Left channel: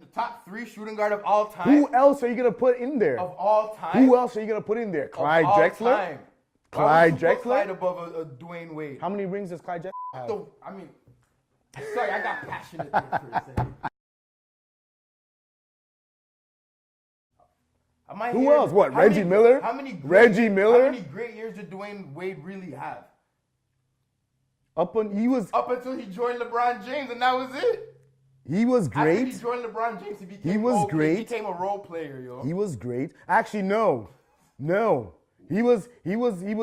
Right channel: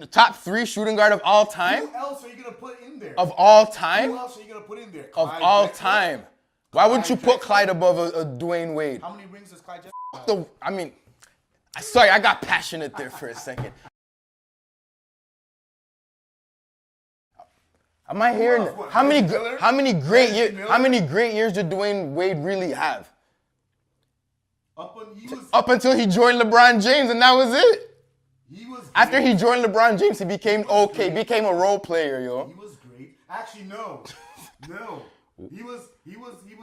The top 3 shooting guard of all time? Who else are you going to put in there? Of all time? Who else are you going to put in there? Of Clyde all Drexler? time. Why would you put Drexler? Clyde above a Dwayne Wade? How many rings does Clyde Drexler have? Sorry, I got passionate there for a second. Am I hearing? else? What, How Reggie many Miller? How many great Reggie years? Miller? How many great years did Dwayne Wade really have? Up until he joined LeBron James, and that was it. He was great. After he joined LeBron James, he became great. became a role player, yo. He was great. Actually, no. He was.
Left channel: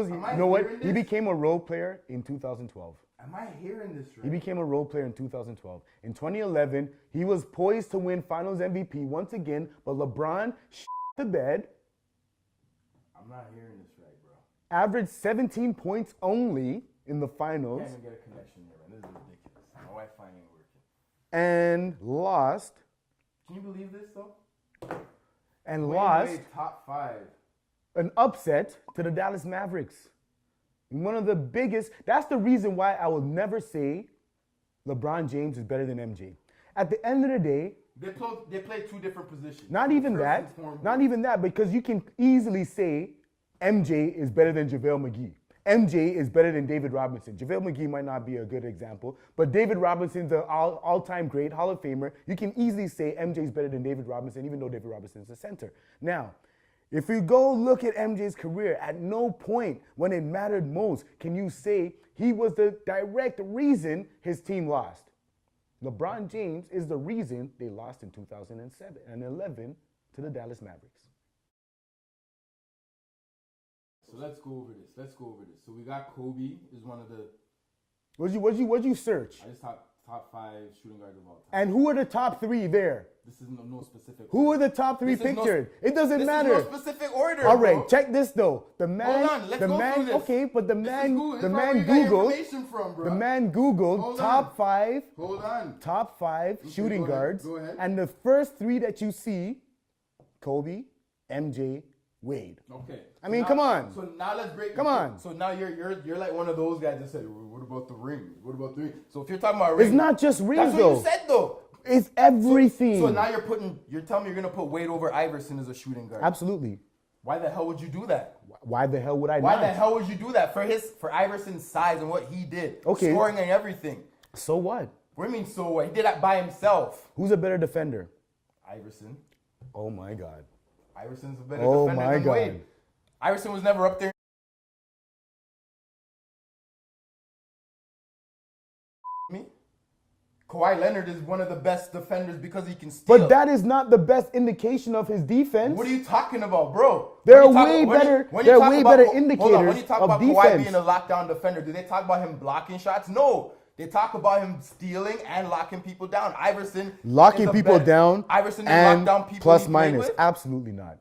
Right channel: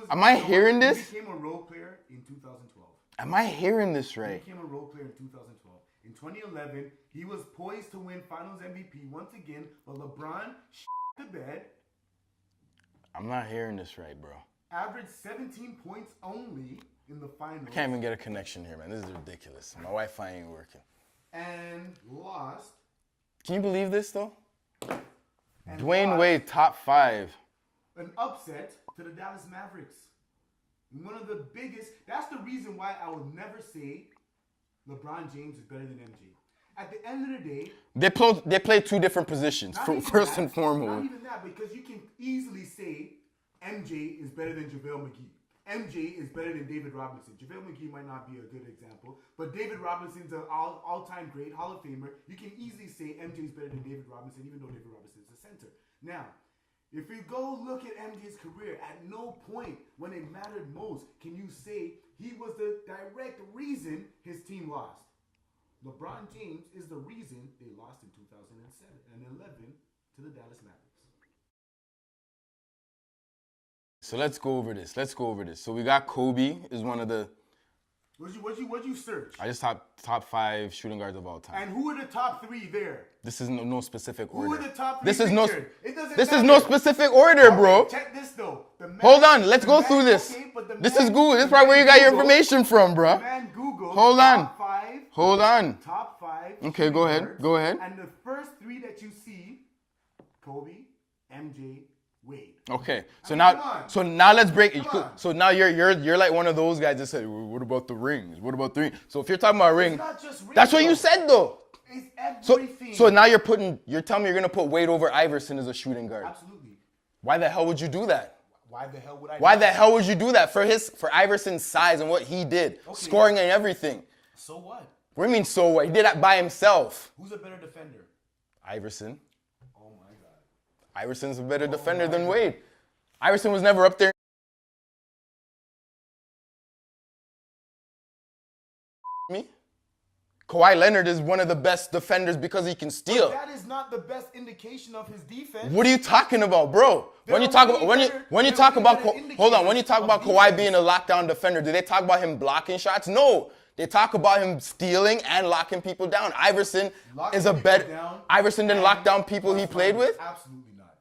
Am I hearing this? He became a role player in 2012. Am I hearing this He right? became a role player in 2012. In 2011, he was poised to win Finals MVP once again, but LeBron the bed. I'm not hearing this right, bro. Averaged 17 points only in the finals. Can't even get a connection here, man. This is ridiculous. My Wi-Fi ain't working. And lost. Can you believe this, though? And Dwayne lost Wade, top 5. an upset to the Dallas Mavericks. One of the biggest. That's the reason why I will never say LeBron James is better than MJ. At the end of the day, They play 2 different positions. not even first that. and foremost. Not even that, because you can easily say MJ is better than JaVale McGee. MJ is better than David Robinson. JaVale McGee might not be a good example, but David Robinson's an all-time great Hall of Famer. You can easily say MJ is better than David Robinson, even though David Robinson is the center. Now, if you go look at MJ's career, at no point when it mattered most can you say he was the direct reason his team lost. LeBron James is the reason they lost in 2007 and 11 to the Dallas Mavericks. So let's go over this. So we got Kobe is one of the. What'd you search? I just top 5 shooting guards of all time. And who are the top 3 there? This is no specific Who order. are the top 3 This is pictured? It doesn't This matter. is no specific order, All bro. right, check this though. The man, Hold on, let's the go man- through this. Okay, but the This man, is Google. This is the probably where man you got your Googled- information from, bro. The man Googled Hold on. top 5. Hold on. Top 5 Okay, shooting go ahead, guards. go ahead. And the first 3 that you see, Kobe, MJ, Wade. Okay. I mean, come on. So now let's break it. Come on. So now you're like one of those guys that said, what about the rings? What about the rings? So if you're talking about rings, It's not just rings. that's what you though. said though. It's everything. So now you're telling me you're gonna put Wade over Iverson as a shooting guard. Absolutely. Why the hell would you do that? Why the hell would I? Why not? the hell would you do that for Iverson's size and what he did, Okay. scoring and everything? So what? What do you mean so what? He did that by himself. Who's a better defender? Iverson. Oh my God. Iverson's a better Oh defender my than God. Wade. Iverson was never up there. Me? Kawhi Leonard is one of the best defenders because he can steal. But that is not the best indication of his defense. What are you talking about, bro? They're when you talk, way when you- better- when you they're talk way about better hold on, when you indicators talk of about Kawhi defense. being a lockdown defender, do they talk about him blocking shots? No. They talk about him stealing and locking people down. Iverson Locking is a people better, down. Iverson didn't and lock down people plus he played minus. with? Absolutely not.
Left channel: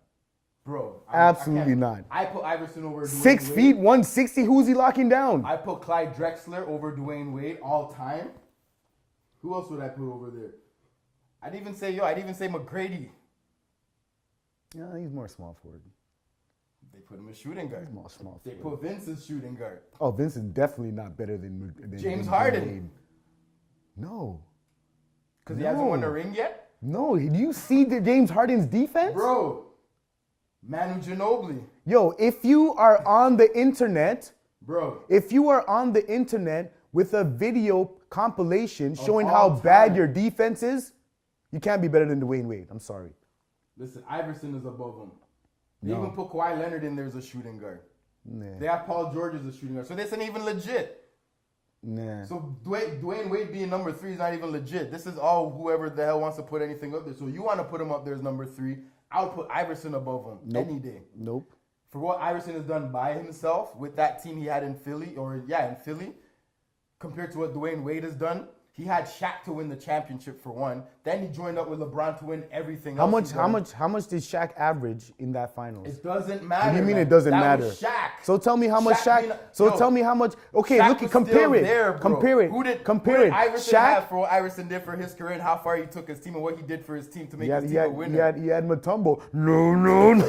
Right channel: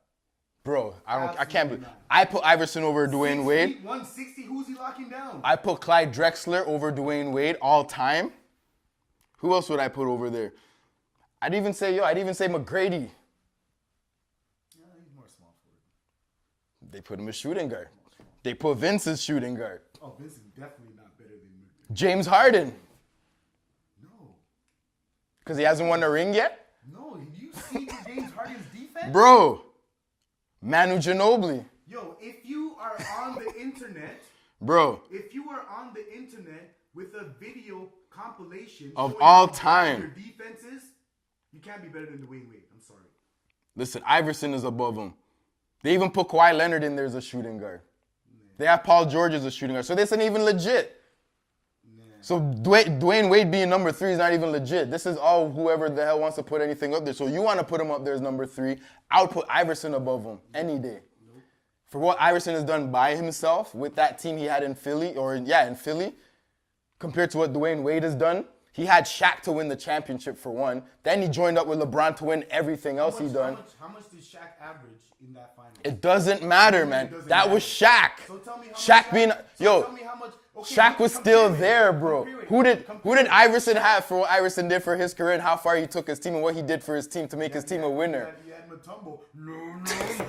Bro, I Absolutely can't. not. I put Iverson over Dwayne 6 Wade. feet, 160. Who's he locking down? I put Clyde Drexler over Dwayne Wade all time. Who else would I put over there? I'd even say McGrady. Yeah, he's more small forward. They put him as shooting guard. Small. They put Vince as shooting guard. Oh, Vince is definitely not better than James than Harden. Wade. No. Because he hasn't won a ring yet? No. Do you see James Harden's defense? Bro, Manu Ginobili. Yo, if you are on the internet, Bro, with a video compilation Of showing all how bad time. your defense is, you can't be better than Dwayne Wade. I'm sorry. listen, Iverson is above him. They even put Kawhi Leonard in there as a shooting guard. They have Paul George as a shooting guard. So this isn't even legit. Nah. So Dwayne Wade being number 3 is not even legit. This is all whoever the hell wants to put anything up there. So you want to put him up there as number 3. I would put Iverson above him any day. Nope. For what Iverson has done by himself with that team he had in Philly, in Philly, compared to what Dwayne Wade has done. He had Shaq to win the championship for one. Then he joined up with LeBron to win everything else. How much did Shaq average in that finals? It doesn't matter, What do you mean man. it doesn't that matter? was Shaq. So tell me how much Shaq. Tell me how much. Okay, Shaq look, was compare still it. there, bro. Compare it. Who did compare it. Iverson Shaq, have for what Iverson did for his career and how far he took his team and what he did for his team to make his team a winner? He had Mutombo. No.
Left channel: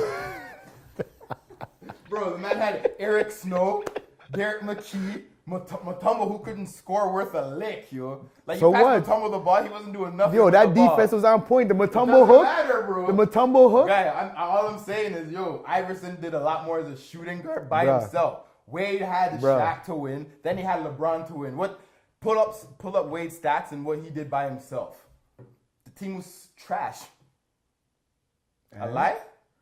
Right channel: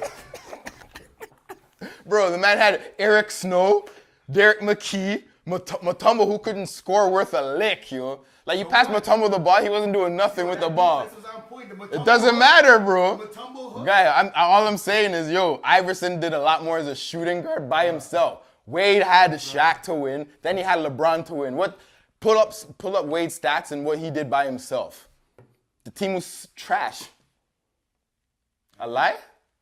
Bro, the man had Eric Snow, Derek McKee, Mutombo, who couldn't score worth a lick, you know? Like, you So passed what? Mutombo the ball, he wasn't doing nothing with the that ball. defense was on point. The Mutombo It doesn't hook, matter, bro. The Mutombo hook. Guy, all I'm saying is, Iverson did a lot more as a shooting guard by himself. Wade had Shaq to win. Then he had LeBron to win. Pull up Wade's stats and what he did by himself. The team was trash. A lie?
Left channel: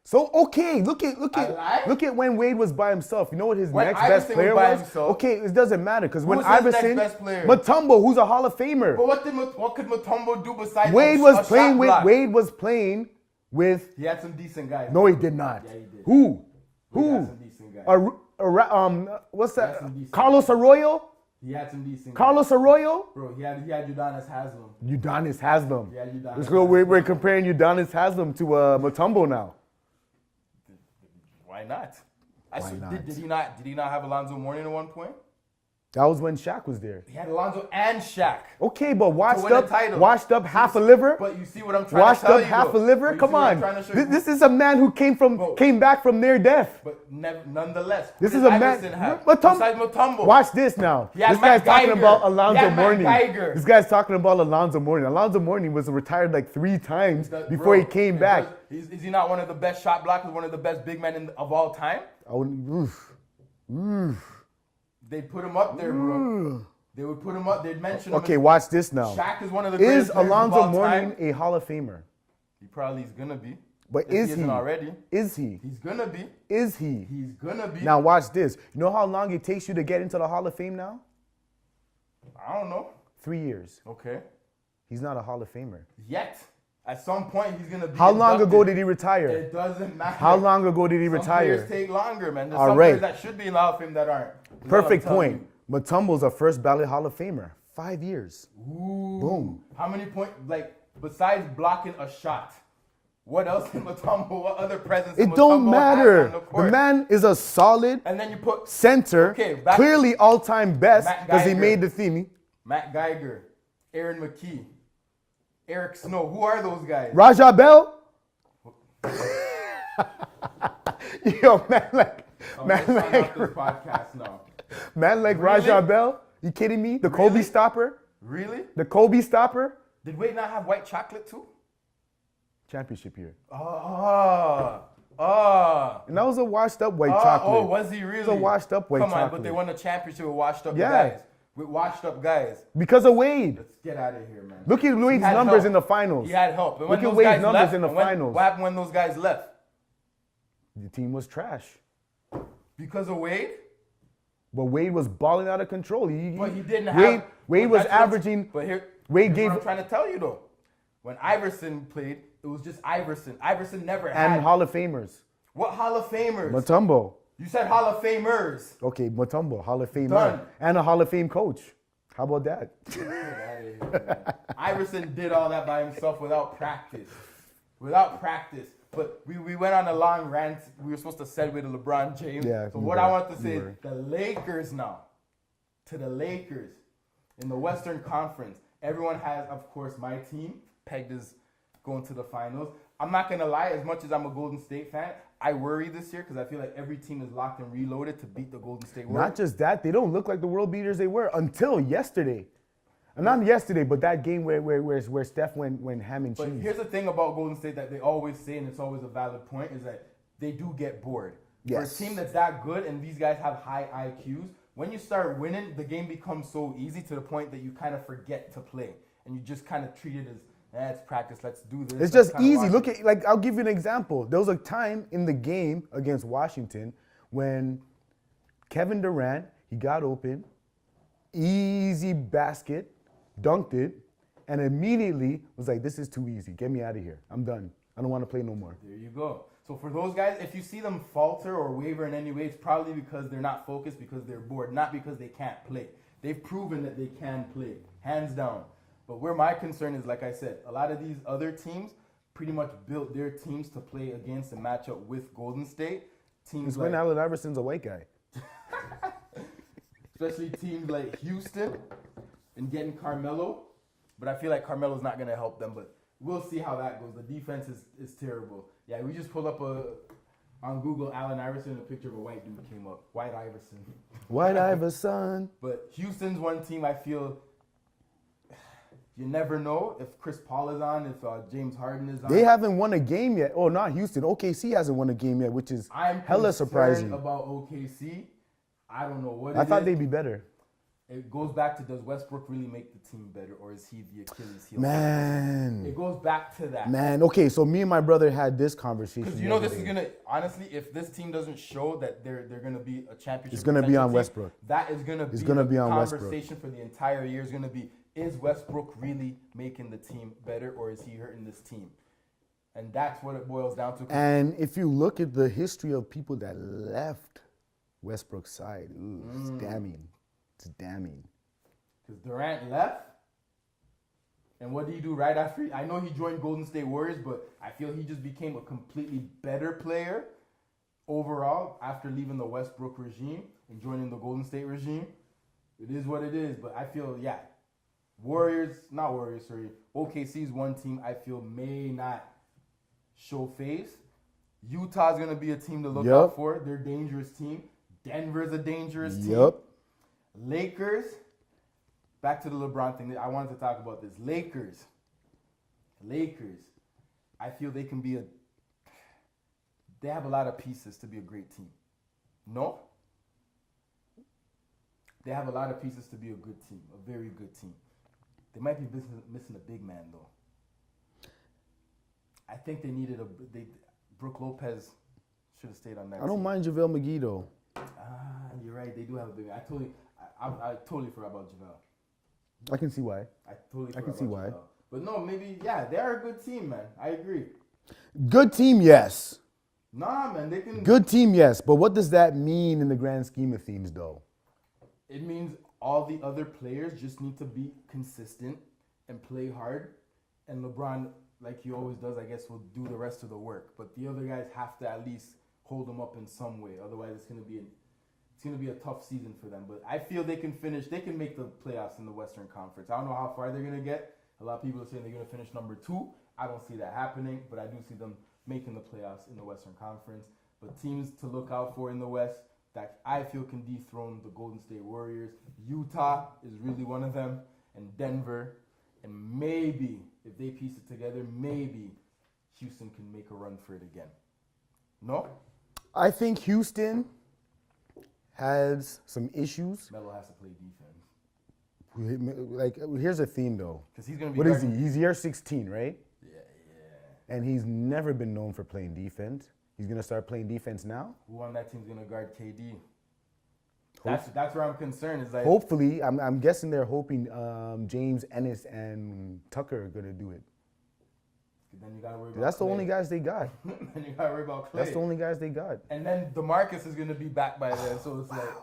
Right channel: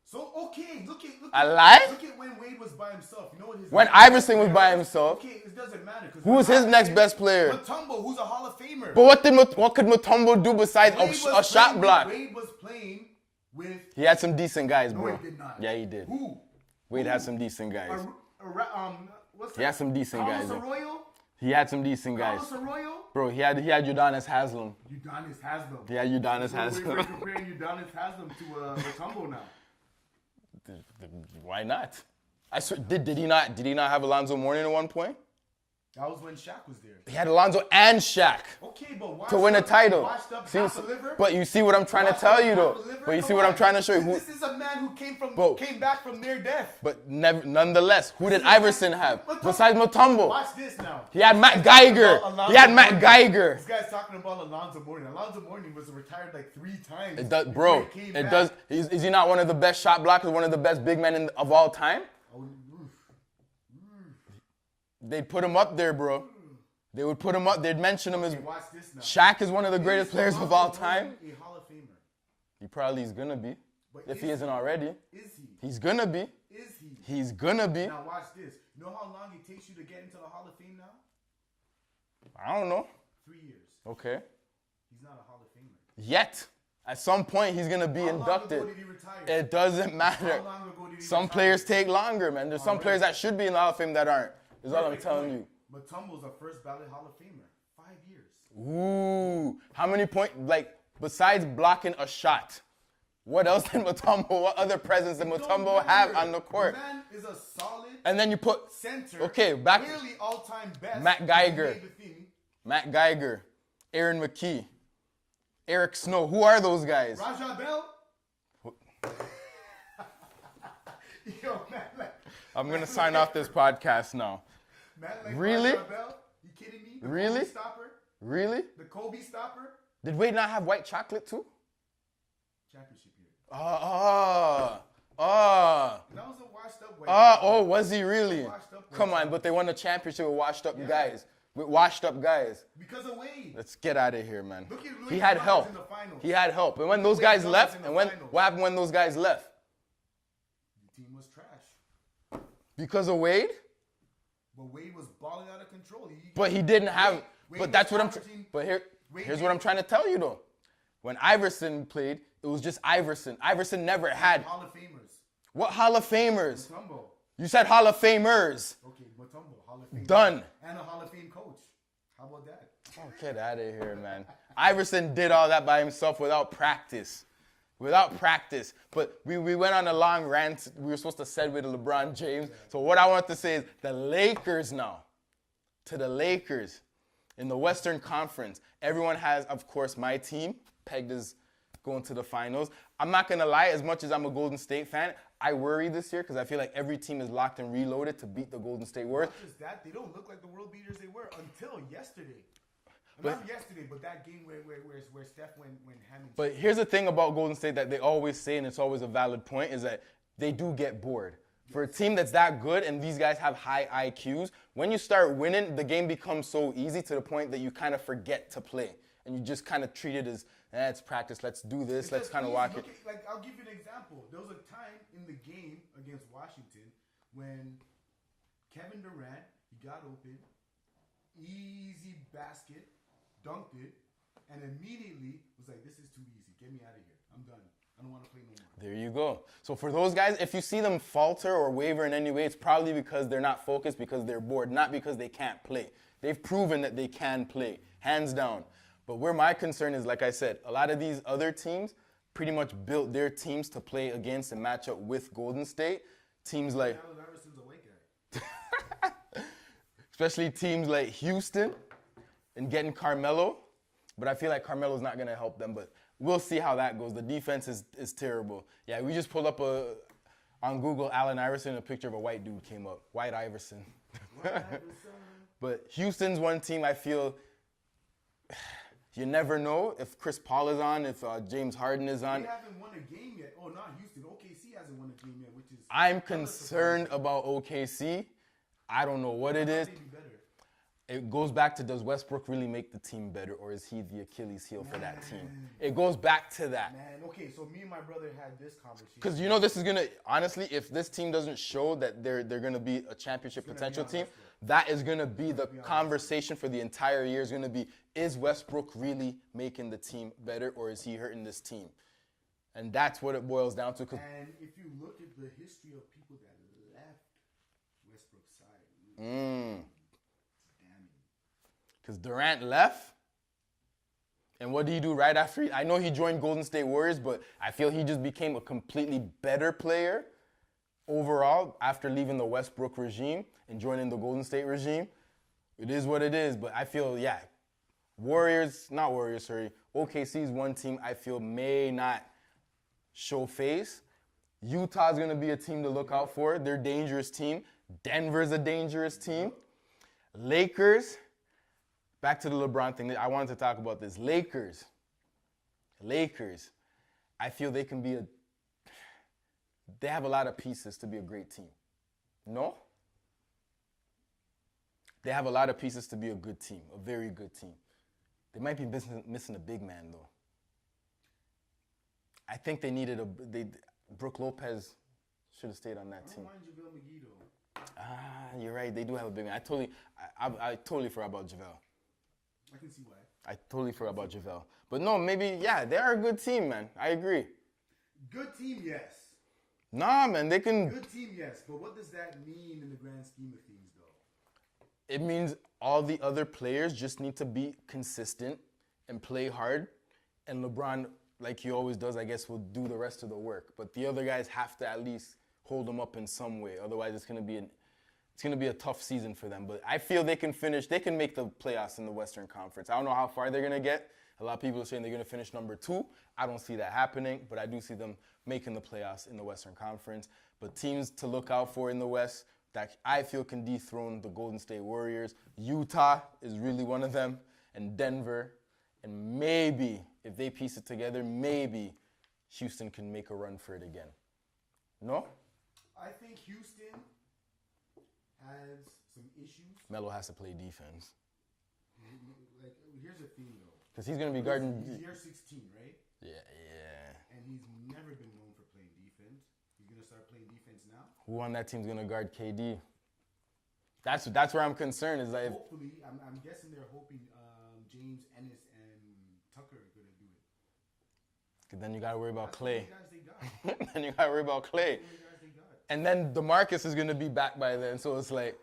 So okay, look at when Wade was by himself. You know what his when next Iverson best player was by himself. Okay, it doesn't matter because Who's his next best player? Mutombo, who's a Hall of Famer. But what could Mutombo do besides Wade a was shot playing with block? Wade was playing with. He had some decent guys. No, bro. he did not. Yeah, he did. Who? Wade Who? had some decent guys. What's that? He had some decent Carlos guys. Arroyo. He had some decent Carlos guys. Arroyo. Bro, he had Udonis Haslem. Udonis Haslem. Yeah, Udonis So Haslem. we're comparing Udonis Haslem to Mutombo now. Why not? Did he not have Alonzo Mourning at one point? That was when Shaq was there. He had Alonzo and Shaq. Okay, but washed win a up, title. washed up half a liver. But you see what I'm trying Washed to tell up you. half a liver. But you Come see what on. I'm trying to show you. This is a man who came back from near death. But nonetheless, who This did is a man- Iverson have Mutombo- besides Mutombo? Watch this now. He had This Matt guy's talking Geiger. about Alonzo He had Matt Mourning. Geiger. This guy's talking about Alonzo Mourning. Alonzo Mourning was retired like 3 times before Bro, he came back. Is he not one of the best shot blockers, one of the best big men of all time? They'd put him up there, bro. They would put him up. They'd mention him. Okay, watch this now. Shaq is one of the greatest Is players of Alonzo all Mourning time. a Hall of Famer? He probably is gonna be. But if is he he? isn't already? Is he? He's gonna be. Is he? He's gonna be. Now watch this. You know how long it takes you to get into the Hall of Fame now? I don't know. 3 years. Okay. He's not a Hall of Famer. Yet. At some point, he's gonna be. How long inducted. ago did he retire? It doesn't matter. How long ago did he retire? Some players take longer, man. There's All some right. players that should be in the Hall of Fame that aren't. Is what I'm Perfect telling point. Mutombo's a first ballot Hall of Famer. 5 years. you. Ooh. Boom. How many points? Like besides blocking a shot, what else did Mutombo? What other presence did It don't Mutombo matter. have on the court? The man is a solid And then you put center. Okay, clearly all-time best Matt because he Geiger. made the theme. Matt Geiger, Aaron McKee, Eric Snow. Who are those guys? Raja Bell. Yo, man, like I'm man, gonna sign like, off this podcast now. man like Really? Raja Bell. You kidding me? The Really? Kobe stopper. Really? The Kobe stopper. Did Wade not have white chocolate too? Championship year. And that was a washed up white chocolate. Oh, was he really? It's a washed up white Come on, chocolate. but they won the championship with washed up Yeah. guys. With washed up guys. Because of Wade. Let's get out of here, man. Look at He Wade's had numbers help. in the finals. He had help. And when Look at those Wade's guys numbers left, in the and when- finals. what happened when those guys left? The team was trash. Because of Wade? But Wade was balling out of control. But he didn't have. Wade but was that's what I'm- averaging. But here's Wade gave what I'm trying to tell you though. When Iverson played, it was just Iverson. Iverson never had. and Hall of Famers. What Hall of Famers? Mutombo. You said Hall of Famers. Okay, Mutombo, Hall of Fame. Done. And a Hall of Fame coach. How about that? Get out of here, man. Iverson did all that by himself without practice. Without practice. But we went on a long rant. We were supposed to segue to LeBron James. Yeah, so we what were. I want to say We is the Lakers now. To the Lakers in the Western Conference. Everyone has, of course, my team pegged as going to the finals. I'm not going to lie, as much as I'm a Golden State fan, I worry this year because I feel like every team is locked and reloaded to beat the Golden State Warriors. Not just that, they don't look like the world beaters they were until yesterday. And not yesterday, but that game where Steph went ham and cheese. But here's the thing about Golden State that they always say, and it's always a valid point, is that they do get bored. Yes. For a team that's that good and these guys have high IQs, when you start winning, the game becomes so easy to the point that you kind of forget to play. And you just kind of treat it as, it's practice, let's do this. It's let's just kinda easy. watch Look it. at, like, I'll give you an example. There was a time in the game against Washington when Kevin Durant, he got open, easy basket, dunked it, and immediately was like, this is too easy. Get me out of here. I'm done. I don't want to play no more. There you go. So for those guys, if you see them falter or waver in any way, it's probably because they're not focused, because they're bored, not because they can't play. They've proven that they can play, hands down. But where my concern is, like I said, a lot of these other teams pretty much built their teams to play against and match up with Golden State. Teams like, Allen Iverson's a white guy. especially teams like Houston and getting Carmelo. But I feel like Carmelo's not going to help them. But we'll see how that goes. The defense is terrible. Yeah, we just pulled up On Google, Allen Iverson, a picture of a white dude came up. White Iverson. White Iverson. But Houston's one team I feel you never know if Chris Paul is on, if James Harden is on. They haven't won a game yet. Oh, not Houston. OKC hasn't won a game yet, which is I'm hella surprising. concerned about OKC. I don't know what it I is. thought they'd be better. It goes back to, does Westbrook really make the team better, or is he the Achilles heel? Man. It goes back to that. Man, okay, so me and my brother had this conversation. Because you know this is gonna, honestly, if this team doesn't show that they're gonna be a championship, It's gonna be on team, Westbrook. That is gonna be gonna the be on conversation for the entire year. Is gonna be, is Westbrook really making the team better, or is he hurting this team? And that's what it boils down to. And if you look at the history of people that left Westbrook's side, it's damning. It's damning. Because Durant left, and what did he do right after? I know he joined Golden State Warriors, but I feel he just became a completely better player overall after leaving the Westbrook regime and joining the Golden State regime. It is what it is, but I feel, yeah, OKC is one team I feel may not show face. Utah's going to be a team to look out for. They're a dangerous team. Denver's a dangerous team. Lakers, back to the LeBron thing. I wanted to talk about this. Lakers, I feel they can be, they have a lot of pieces to be a great team. No? They have a lot of pieces to be a good team, a very good team. They might be missing a big man, though. I think they needed Brook Lopez should have stayed on that team. I don't mind JaVale McGee, though. You're right. They do have a big man. I totally forgot about JaVale. I can see why. I totally forgot about JaVale. But no, maybe, yeah, they're a good team, man. I agree. Good team, yes. Nah, man, they can. Good team, yes. But what does that mean in the grand scheme of things, though? It means all the other players just need to be consistent and play hard. And LeBron, like he always does, I guess, will do the rest of the work. But the other guys have to at least hold them up in some way. Otherwise, it's gonna be a tough season for them. But I feel they can make the playoffs in the Western Conference. I don't know how far they're gonna get. A lot of people are saying they're gonna finish number 2. I don't see that happening, but I do see them making the playoffs in the Western Conference. But teams to look out for in the West that I feel can dethrone the Golden State Warriors. Utah is really one of them, and Denver, and maybe, if they piece it together, maybe Houston can make a run for it again. No? I think Houston has some issues. Melo has to play defense. Like, here's a theme, though. Because he's going to be What is he? He's year 16, right? Yeah. And he's never been known for playing defense. He's going to start playing defense now? Who on that team's going to guard KD? That's where I'm concerned. Is like, hopefully, I'm guessing they're hoping James Ennis and Tucker are going to do it. Then you got to worry about That's Clay. the only guys they got. Then you got to worry about Clay. That's the only guys they got. And then DeMarcus is going to be back by then. So it's like,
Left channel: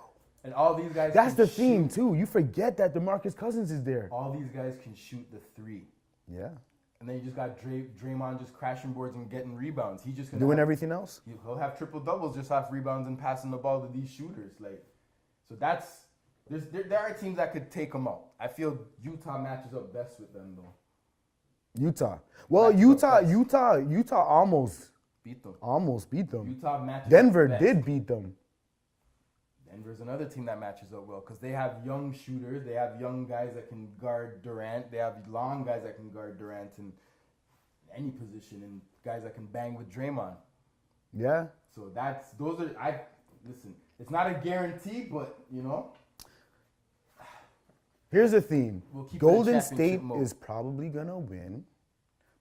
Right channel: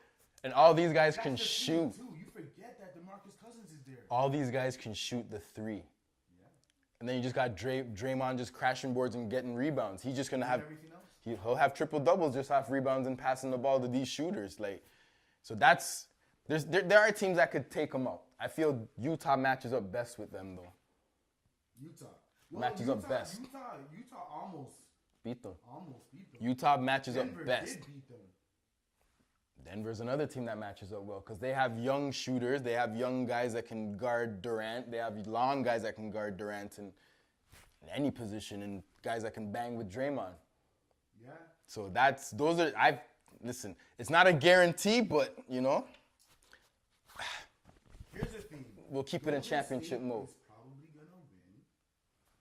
and all these guys That's can the shoot. thing, too. You forget that DeMarcus Cousins is there. All these guys can shoot the 3. Yeah. And then you just got Draymond just crashing boards and getting rebounds. He's just going to Doing everything else? He'll have triple-doubles just off rebounds and passing the ball to these shooters. Like, so there are teams that could take them out. I feel Utah matches up best with them, though. Utah. Well, Utah almost beat them. Almost beat them. Utah matches Denver up best. did beat them. Denver's another team that matches up well because they have young shooters. They have young guys that can guard Durant. They have long guys that can guard Durant in any position and guys that can bang with Draymond. Yeah. So listen, it's not a guarantee, but, you know. Here's the theme. We'll keep Golden State is probably going to win,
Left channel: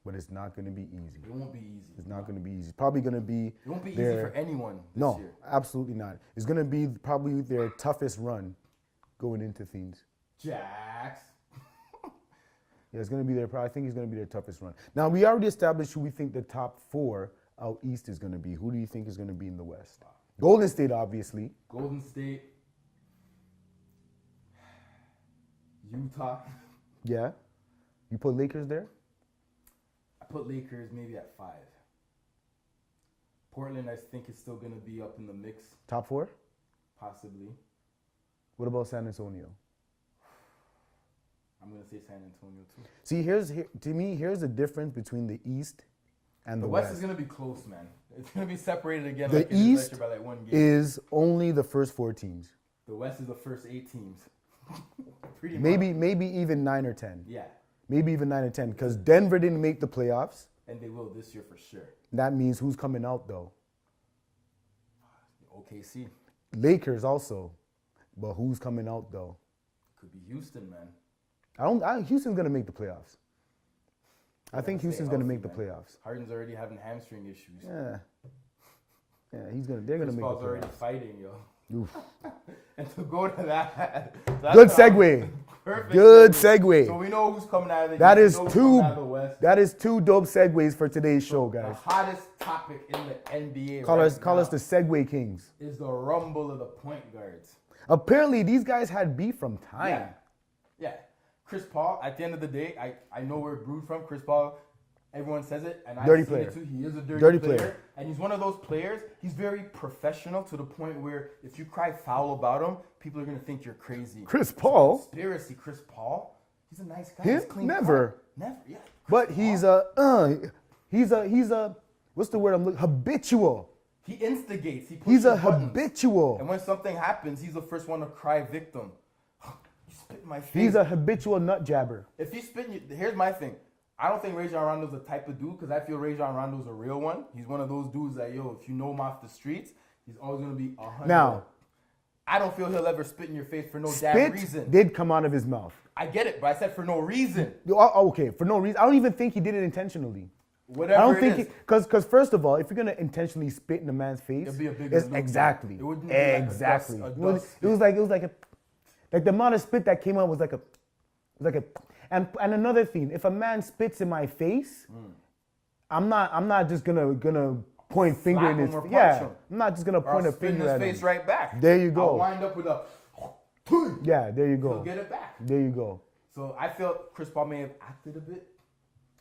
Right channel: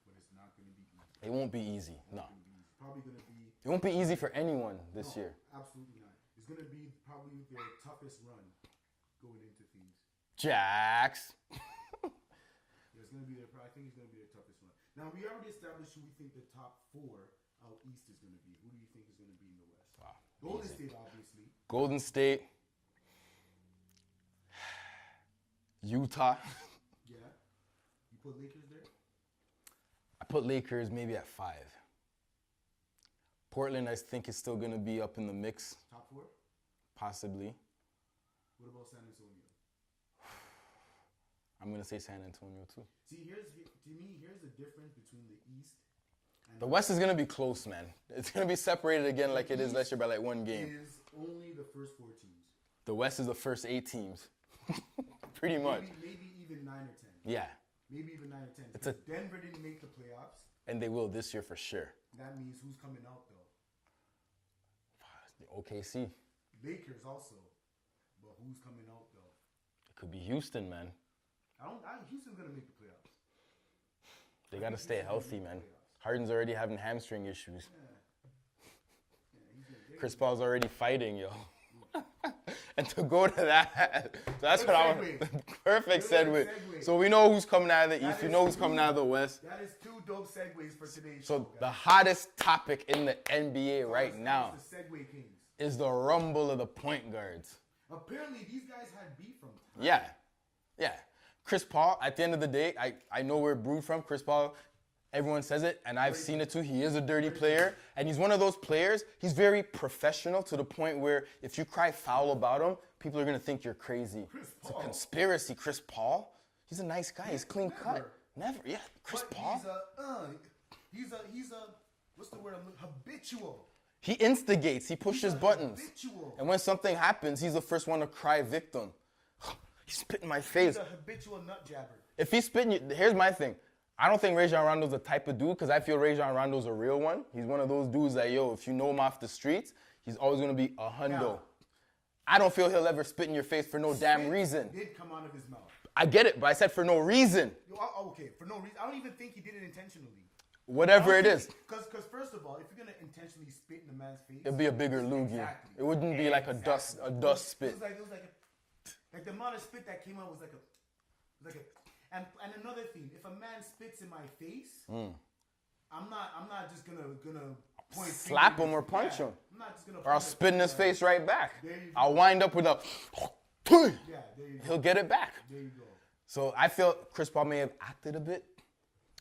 but it's not going to be easy. It won't be easy. It's not going to be easy. Probably going to be... It won't be easy for anyone this year. No, absolutely not. It's going to be probably their toughest run going into things. Jax. Yeah, it's going to be I think it's going to be their toughest run. Now, we already established who we think the top 4 out east is going to be. Who do you think is going to be in the West? Golden State, obviously. Golden State. Utah. Yeah. You put Lakers there? I put Lakers maybe at 5. Portland, I think, is still going to be up in the mix. Top 4? Possibly. What about San Antonio? I'm going to say San Antonio, too. See, to me, here's the difference between the East and The West is going to be close, man. It's going to be separated again The like it is next East year by like one game. is only the first 4 teams. The West is the first 8 teams. Pretty much. Maybe even 9 or 10. Yeah. Maybe even 9 or 10 because Denver didn't make the playoffs. And they will this year for sure. That means who's coming out though? OKC. Lakers also. But who's coming out though? It could be Houston, man. Houston's going to make the playoffs. They I think gotta stay Houston's going to healthy, make the man. playoffs. Harden's already having hamstring issues. Yeah. Yeah, they're going to Chris make Paul's the already fighting, yo. Oof. And to go to that, that's Good what I'm- segue. Perfect Good segue. So we know who's coming out of the That East. is We know who's two. coming out of the West. That is 2 dope segues for today's show, The guys. hottest topic in the NBA Call now us the segue kings. is the rumble of the point guards. Apparently, these guys had beef from time. Yeah. Yeah. Chris Paul, at the end of the day, I know where it brewed from. Chris Paul, everyone says it, and I've Dirty seen player. it too. He is a dirty, Dirty player. player. And he's one of those players, he's very professional to the point where if you cry foul about him, people are going to think you're crazy. Chris It's a Paul? conspiracy. Chris Paul? He's a nice guy. Him? He's clean. Never. cut. Never, yeah. But Chris Paul. he's a what's the word I'm looking? Habitual. He instigates. He pushes He's a buttons. habitual. And when something happens, he's the first one to cry victim. He's spitting my face. He's a habitual nut jabber. If he's spitting you, here's my thing. I don't think Rajon Rondo's the type of dude because I feel Rajon Rondo's a real one. He's one of those dudes that, yo, if you know him off the streets, he's always going to be 100. Now, I don't feel he'll ever spit in your face for no damn Spit reason. did come out of his mouth. I get it, but I said for no reason. Okay, for no reason. I don't even think he did it intentionally. I Whatever don't it think is. because first of all, if you're gonna intentionally spit in a man's face, It'd be a bigger it's lube. exactly. It wouldn't be like a dust It was like the amount of spit that came out was like a. And another thing, if a man spits in my face, I'm not just gonna point finger Slap in him his or punch yeah. him. I'm not just gonna Or I'll point a spit in finger his at face him. right back. There you go. I'll wind up with a... Yeah, there you go. He'll get it back. There you go. So I feel Chris Paul may have acted a bit.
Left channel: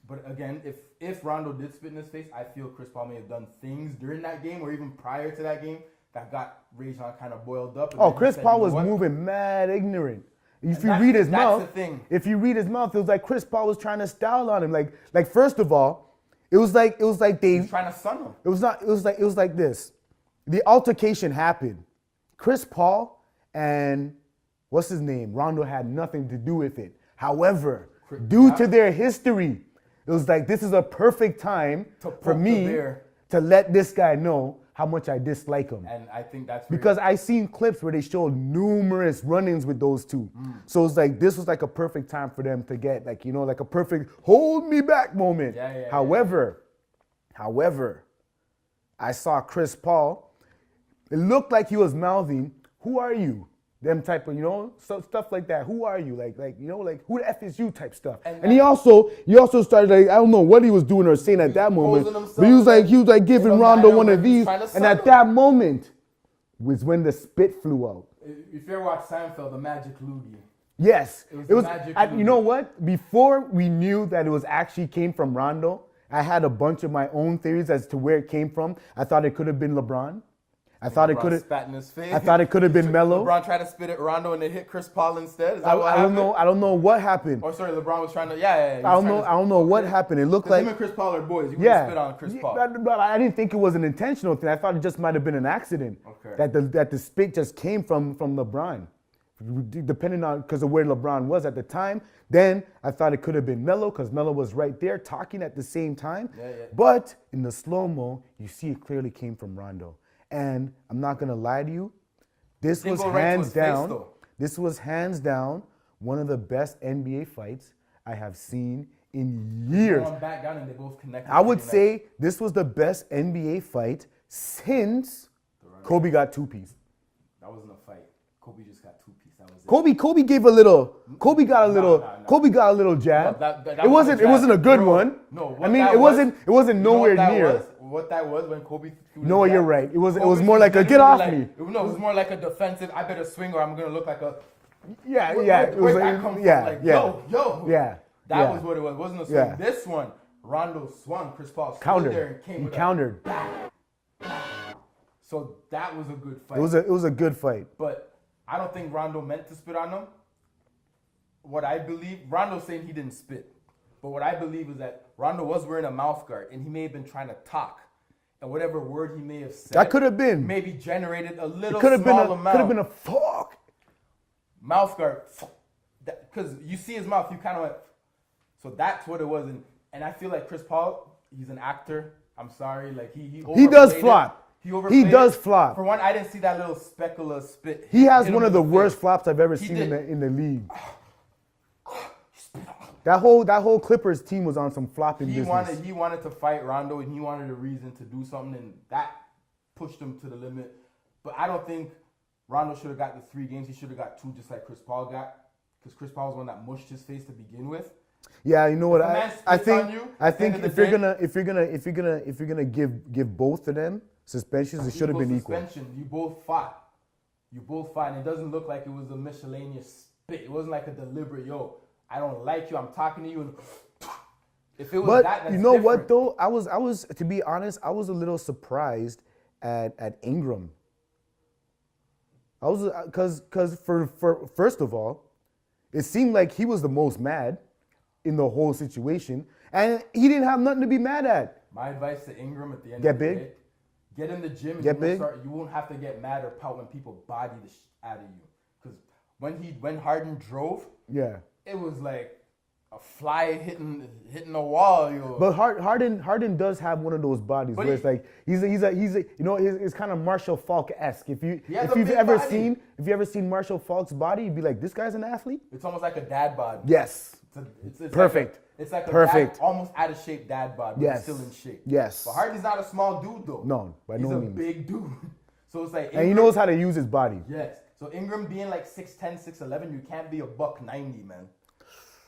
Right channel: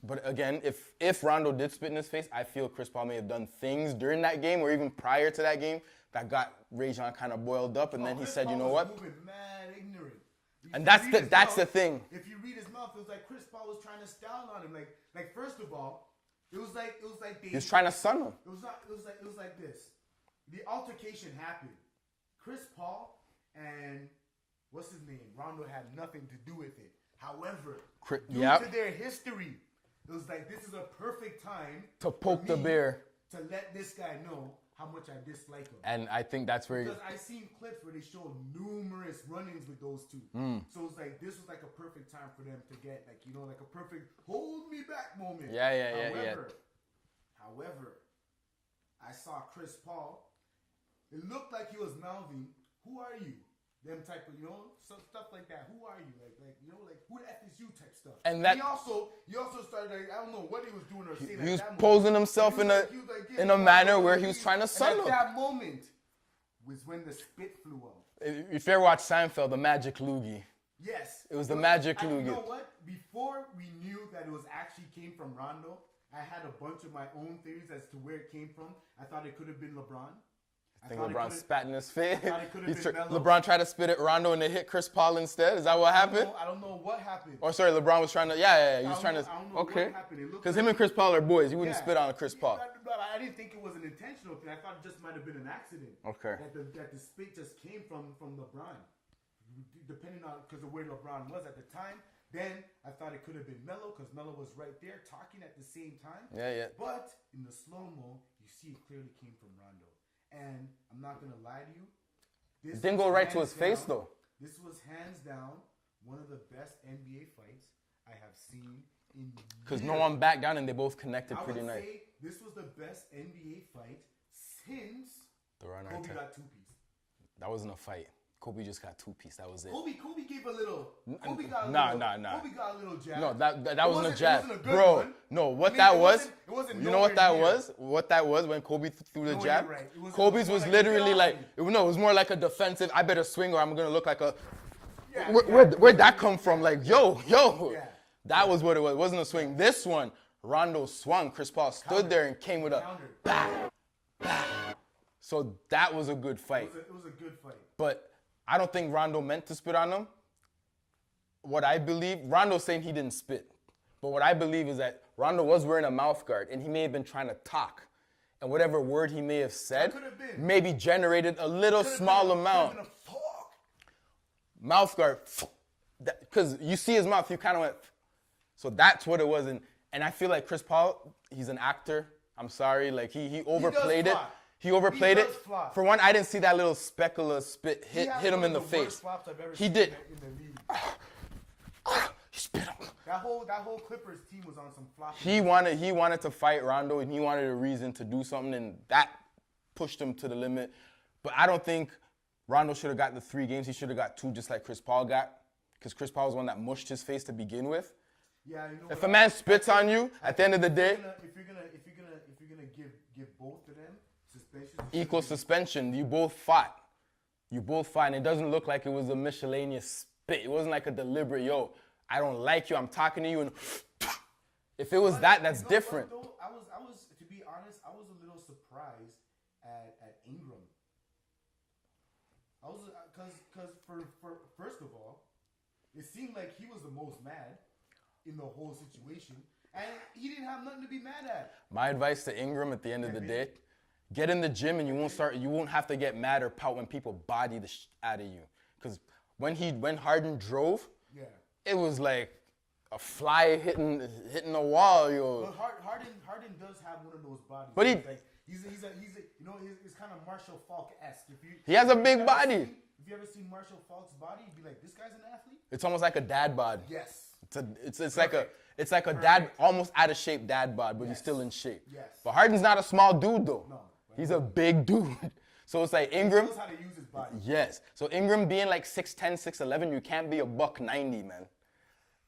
But again, if Rondo did spit in his face, I feel Chris Paul may have done things during that game or even prior to that game that got Rajon kind of boiled up. And then he Chris said, Paul you know was what? moving mad ignorant. If That's you read the- his that's mouth, the thing. If you read his mouth, it was like Chris Paul was trying to style on him. Like first of all, it was like they. He's trying to sun him. It was not. It was like this. The altercation happened. Chris Paul and what's his name? Rondo had nothing to do with it. However, due Yep. to their history, it was like this is a perfect time To for poke the me bear. to let this guy know how much I dislike him. And I think that's where... Because I seen clips where they showed numerous run-ins with those two. So it's like this was like a perfect time for them to get like a perfect hold me back moment. Yeah. However, I saw Chris Paul. It looked like he was mouthing, "Who are you?" Them type of so stuff like that. Who are you? Like who the F is you type stuff. And And he also started like I don't know what he was doing or saying at was that moment. posing himself But he was in like in giving a Rondo manner one where of he was these, trying to and sun at him. that moment was when the spit flew out. If you ever watch Seinfeld, the Magic Loogie. Yes, It was the magic You movie. know what? Before we knew that it was actually came from Rondo, I had a bunch of my own theories as to where it came from. I thought it could have been LeBron. I thought it LeBron could have. spat in his face. I thought it could have been Melo. LeBron tried to spit at Rondo and it hit Chris Paul instead. Is that what I happened? don't know. I don't know what happened. Oh, sorry, LeBron was trying to. Yeah. He was I don't trying know. to- I don't know what okay. happened. It looked Because like him and Chris Paul are boys. You wouldn't spit on Chris Paul. But I didn't think it was an intentional thing. I thought it just might have been an accident. Okay. That the spit just came from LeBron, depending on because of where LeBron was at the time. Then I thought it could have been Melo because Melo was right there talking at the same time. Yeah. But in the slow-mo, you see it clearly came from Rondo. And I'm not gonna lie to you, this Didn't was go right to hands his face, down. though. This was hands down one of the best NBA fights I have seen in years. No one back down and they both connected. I would pretty say this was the best NBA fight since Rondo. Kobe got two-piece. That wasn't a fight. Kobe just got two-piece. That was it. Kobe gave a little. Kobe got a little. no. Kobe got a little jab. No, that it wasn't. a jab. It wasn't a good Bro, one. No, what I mean, that it was, wasn't. It wasn't you know nowhere what that near. was? What that was when Kobe threw the No, jab? you're right. It was Kobe's more like a get literally off like, me. No, it was more like a defensive. I better swing or I'm gonna look like a. Yeah, Where'd that come from? Yeah, Like, yeah. yo. Yeah, That yeah. was what it was. It wasn't a swing. Yeah. This one, Rondo swung. Chris Paul stood Countered. there and came He with countered. So that was a good fight. It was a good fight. But I don't think Rondo meant to spit on him. What I believe, Rondo's saying he didn't spit. But what I believe is that Rondo was wearing a mouth guard, and he may have been trying to talk. And whatever word he may have said, that could have been maybe generated a little small amount. Could have been a fuck. Mouth guard, because you see his mouth, you kind of went. So that's what it was, and I feel like Chris Paul, he's an actor. I'm sorry, like he does flop. He overplayed He does it. flop. For one, I didn't see that little speckle of spit. He has hit one him of the in worst face. flops I've ever He seen did. in the league. He spit on him. That whole Clippers team was on some flopping. He business. wanted to fight Rondo, and he wanted a reason to do something, and that pushed him to the limit. But I don't think Rondo should have got the 3 games. He should have got 2, just like Chris Paul got, because Chris Paul was the one that mushed his face to begin with. Yeah, you know what? If a man spits on you, at the end of the day, if you're gonna give both of them suspensions, it should have equal been suspension. You both fought. And it doesn't look like it was a miscellaneous spit. It wasn't like a deliberate, yo, I don't like you, I'm talking to you, and if it was But that's you know different. what though? I was to be honest, I was a little surprised at Ingram. I was because for first of all, it seemed like he was the most mad in the whole situation, and he didn't have nothing to be mad at. My advice to Ingram at the end Get of the big. day, get in the gym and you won't have to get mad or pout when people body the out of you. Because when Harden drove, Yeah. it was like a fly hitting a wall, yo. But Harden does have one of those bodies. But Where it's like he's a you know it's kind of Marshall Falk-esque. He has a big body. If you ever seen Marshall Falk's body, you'd be like, this guy's an athlete. It's almost like a dad bod. Yes. It's Perfect. It's like a Perfect. dad, almost out of shape dad bod, but Yes. he's still in shape. Yes. But Harden's not a small dude though. No, by he's no a means. big dude. So it's like Ingram. And he knows how to use his body. Yes. So Ingram being like 6'10", 6'11", you can't be a $190, man.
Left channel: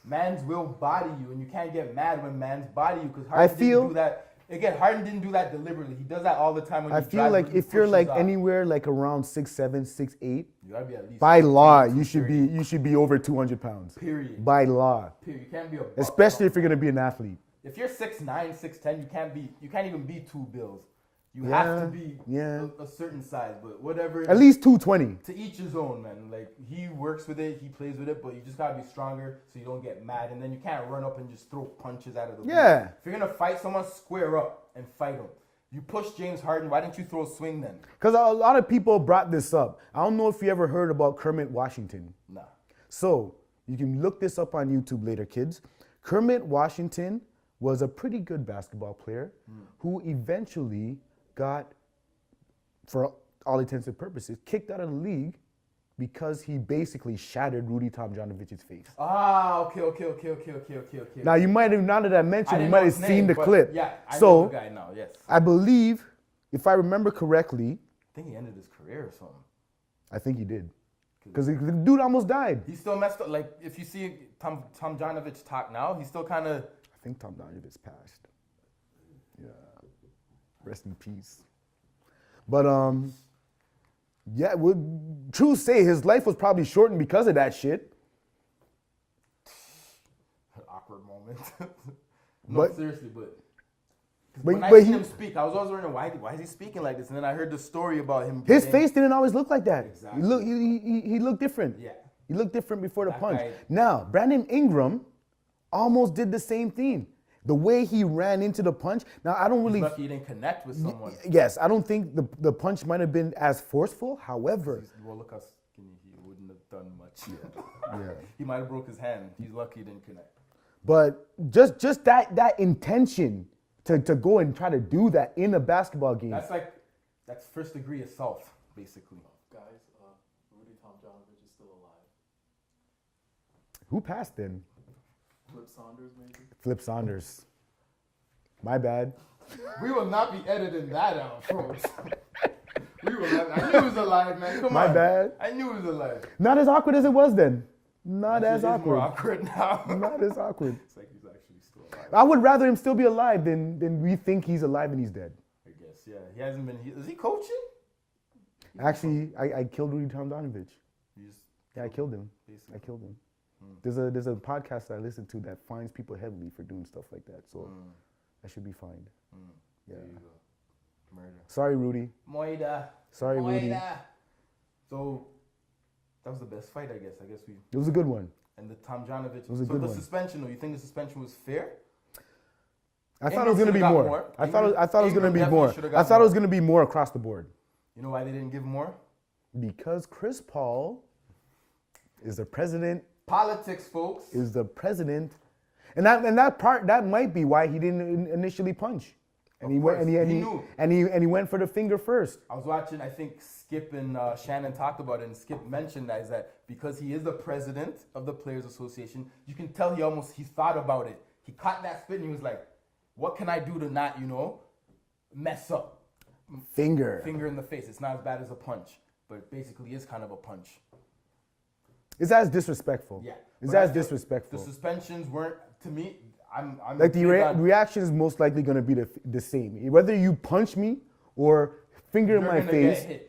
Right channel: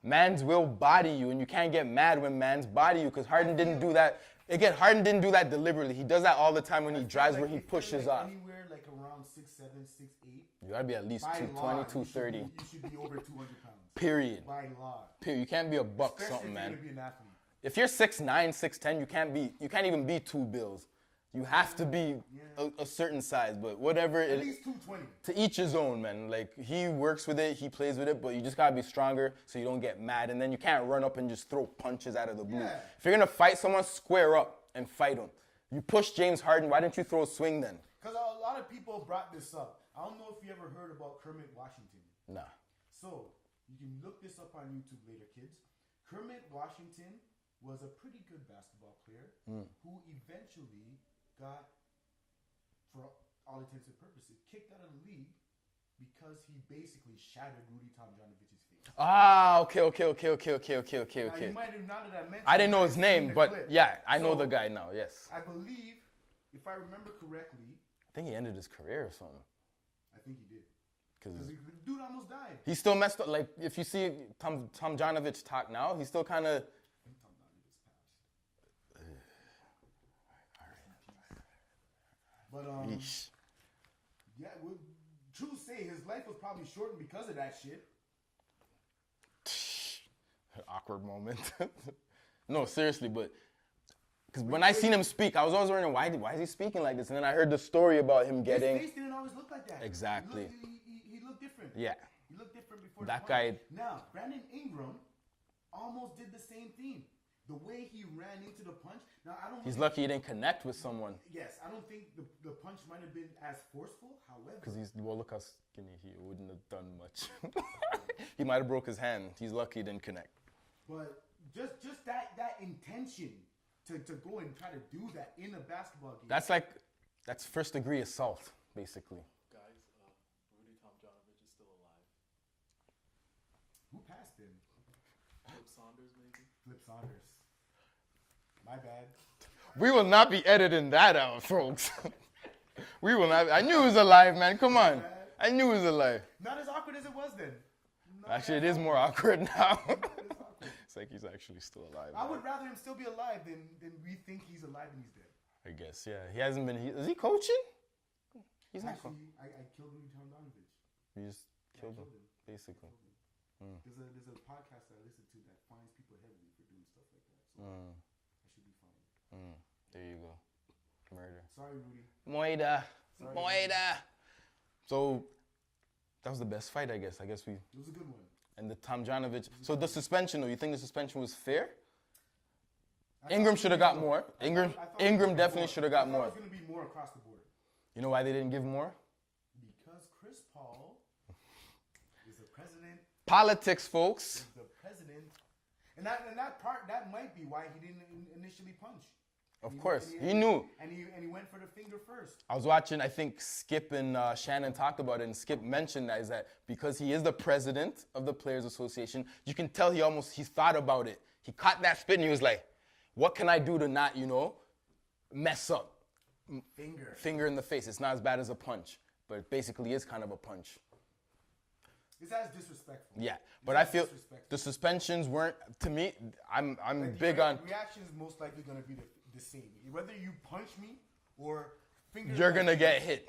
Mans will body you, and you can't get mad when mans body you, because Harden didn't do that. Again, Harden didn't do that deliberately. He does that all the time when I he feel drives. like when he if you're pushes like off. anywhere like around 6'7", 6'8", You gotta be at least by 210, law 230. you should be over 200 pounds. Period. By law. Period. You can't be a buck Especially if you're something, gonna be an athlete. If you're 6'9", 6'10", you can't even be 2 bills. You have to be a certain size, but whatever. At least 220. To each his own, man. Like, he works with it, he plays with it, but you just gotta be stronger so you don't get mad, and then you can't run up and just throw punches out of the blue. Yeah. If you're gonna fight someone, square up and fight him. You push James Harden, why didn't you throw a swing then? Because a lot of people brought this up. I don't know if you ever heard about Kermit Washington. Nah. So you can look this up on YouTube later, kids. Kermit Washington was a pretty good basketball player who eventually got, for all intents and purposes, kicked out of the league because he basically shattered Rudy Tomjanovich's face. Ah, okay. Now you might have, now that I mentioned, I you didn't might know have his seen name, the but clip. yeah, I so, know the guy now, yes. I believe, if I remember correctly, I think he ended his career or something. I think he did. Because the dude almost died. He still messed up. Like, if you see Tomjanovich talk now, he's still kind of... I think Tomjanovic passed. Yeah. Rest in peace. But yeah, true say his life was probably shortened because of that shit. An awkward moment. No, seriously, but when I but seen him speak, I was always wondering why is he speaking like this, and then I heard the story about him getting... His face didn't always look like that. Exactly. He looked different. Yeah. He looked different before the That punch. guy- Now, Brandon Ingram almost did the same thing. The way he ran into the punch. Now, I don't really... He's lucky he didn't connect with someone. Yes, I don't think the punch might have been as forceful. However... Well, look how skinny he wouldn't have done much. Yeah. He might have broke his hand. He's lucky he didn't connect. But just that intention to go and try to do that in a basketball game. That's first degree assault, basically. Guys, Rudy Tomjanovich is still alive. Who passed then? Flip Saunders, maybe? Flip Saunders. My bad. We will not be editing that out, folks. We will not. I knew he was alive, man. Come My on. bad. I knew he was alive. Not as awkward as it was then. Not Actually, as it is more awkward. awkward now. Not as awkward. It's like he's actually still alive. I would rather him still be alive than we think he's alive and he's dead. I guess, yeah. He hasn't been. Is he coaching? Actually, I killed Rudy Tomjanovich. He just Yeah, I killed him. basically. I killed him. There's a podcast that I listen to that finds people heavily for doing stuff like that. So I should be fined. There you go. Murder. Sorry, Rudy. Moida. Sorry, Rudy. So that was the best fight, I guess. I guess we. It was a good one. and the Tomjanovic. was a So good the one. suspension, though, you think the suspension was fair? I thought Ingram it was going to should've be got more. more. I Ingram- thought it was going Ingram to be definitely more. should've I got thought it more. was going to be more across the board You know why they didn't give more? because Chris Paul is the president. Politics, folks. Is the president, and that might be why he didn't initially punch. And Of he went, course. and He knew. and he went for the finger first. I was watching, I think Skip and Shannon talked about it, and Skip mentioned that, is that because he is the president of the Players Association, you can tell he thought about it. He caught that spit and he was like, what can I do to not, mess up? Finger. Finger in the face. It's not as bad as a punch, but it basically is kind of a punch. It's as disrespectful. Yeah. It's but I as feel disrespectful. The suspensions weren't, to me, I'm Like the big on, reaction is most likely going to be the same. Whether you punch me or finger in you're my going to face. get hit.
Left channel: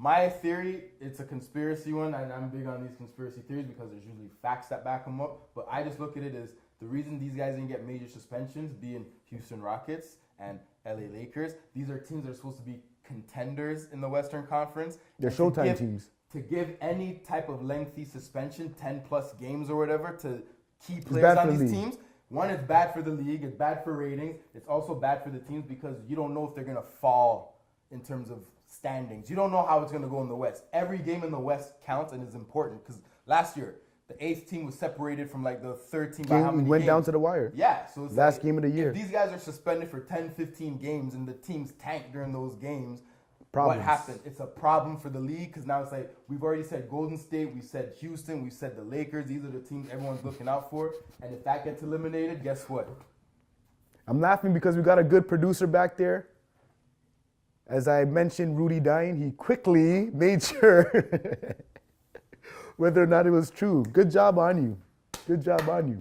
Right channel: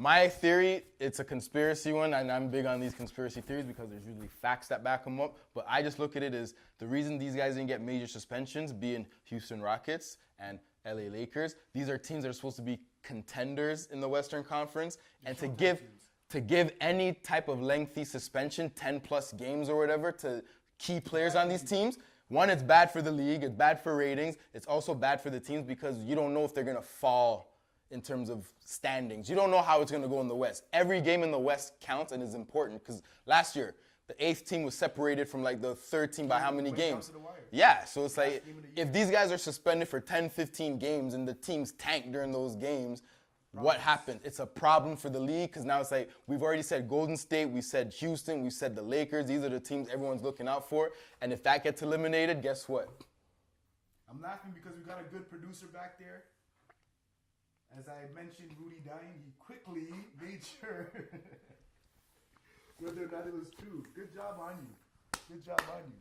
My theory, it's a conspiracy one, and I'm big on these conspiracy theories because there's usually facts that back them up. But I just look at it as the reason these guys didn't get major suspensions, being Houston Rockets and LA Lakers, these are teams that are supposed to be contenders in the Western Conference. They're And to Showtime give- teams. To give any type of lengthy suspension, 10 plus games or whatever, to key bad players for on the these league. teams, one, it's bad for the league, it's bad for ratings, it's also bad for the teams because you don't know if they're gonna fall in terms of standings. You don't know how it's gonna go in the West. Every game in the West counts and is important because last year, the 8th team was separated from like the 3rd team by how many Went games? down to the wire. Yeah, so it's Last like, game of the year. if these guys are suspended for 10, 15 games and the teams tank during those games, Problems. what happened? It's a problem for the league because now it's like, we've already said Golden State, we said Houston, we said the Lakers. These are the teams everyone's looking out for. And if that gets eliminated, guess what? I'm laughing because we got a good producer back there. As I mentioned Rudy dying, he quickly made sure whether or not it was true. Good job on you. Good job on you.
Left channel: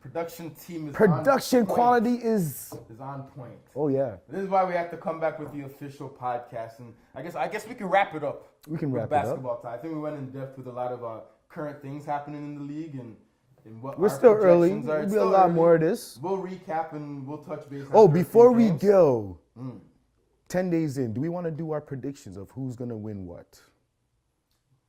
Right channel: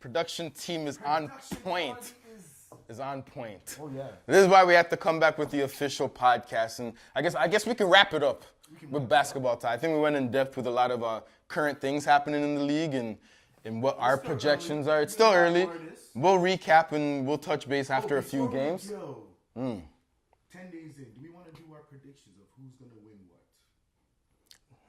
Production team is Production on point. quality is. Is on point. Oh yeah. This is why we have to come back with the official podcast, and I guess we can wrap it up. We can with wrap it up. basketball time. I think we went in depth with a lot of current things happening in the league and what We're our still projections early. are. It's We'll still be a lot early. more of this. We'll recap and we'll touch base after Oh, a few before we games. go, 10 days in, do we want to do our predictions of who's gonna win what?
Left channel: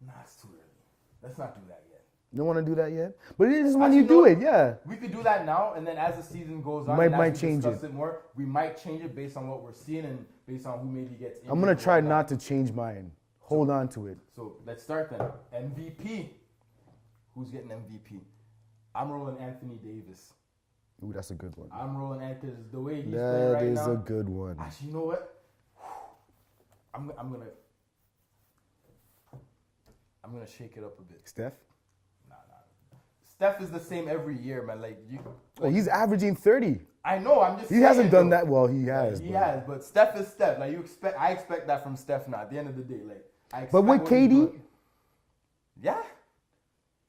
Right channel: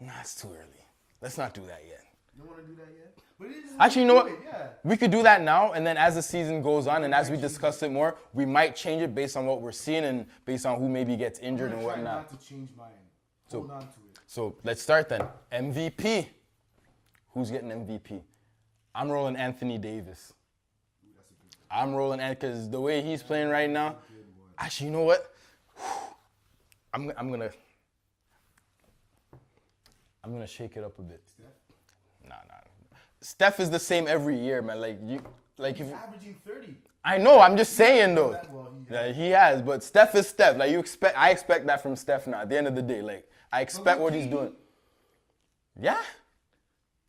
Nah, it's too early. Let's not do that yet. You don't want to do that yet? But it is when Actually, you you know do what? it, yeah. We could do that now, and then as the season goes on, and as Might we change discuss it. it more, we might change it based on what we're seeing and based on who maybe gets injured. I'm gonna and try whatnot. not to change mine. Hold on to it. So let's start then. MVP. Who's getting MVP? I'm rolling Anthony Davis. Ooh, that's a good one. I'm rolling because the way he's playing right now. That's a good one. Actually, you know what? I'm gonna shake it up a bit. Steph? Nah. Steph is the same every year, man. Like He's averaging 30. I know. I'm just He saying. hasn't done though. that. Well, he Yeah, has. he has, but Steph is Steph. Like I expect that from Steph now. At the end of the day, like I But expect with what he's KD, doing. Yeah.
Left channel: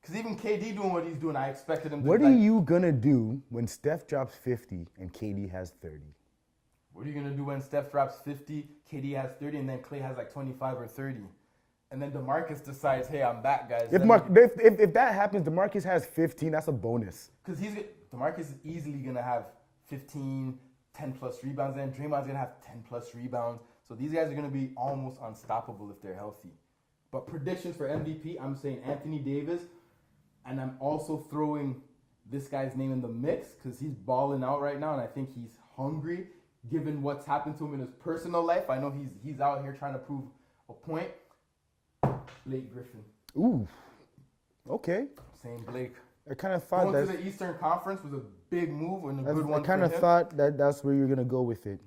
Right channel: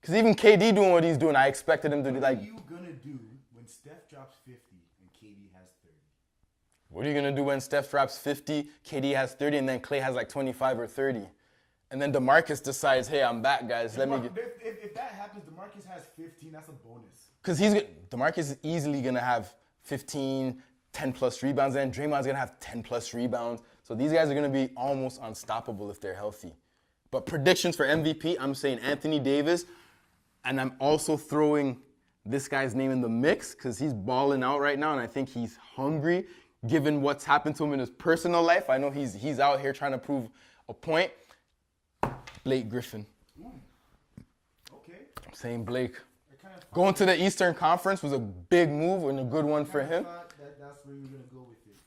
Because even KD doing what he's doing, I expected him to. what like, are you gonna do when Steph drops 50 and KD has 30? What are you gonna do when Steph drops 50, KD has 30, and then Klay has like 25 or 30, and then DeMarcus decides, hey, I'm back, guys. If that happens, DeMarcus has 15. That's a bonus. Because DeMarcus is easily gonna have 15, 10 plus rebounds, and Draymond's gonna have 10 plus rebounds. So these guys are gonna be almost unstoppable if they're healthy. But predictions for MVP, I'm saying Anthony Davis, and I'm also throwing this guy's name in the mix because he's balling out right now, and I think he's hungry. Given what's happened to him in his personal life, I know he's out here trying to prove a point. Blake Griffin. Ooh. Okay. I'm saying Blake. I kind of thought Going that, to the Eastern Conference was a big move and a good one I for kind of him. thought that that's where you're gonna go with it.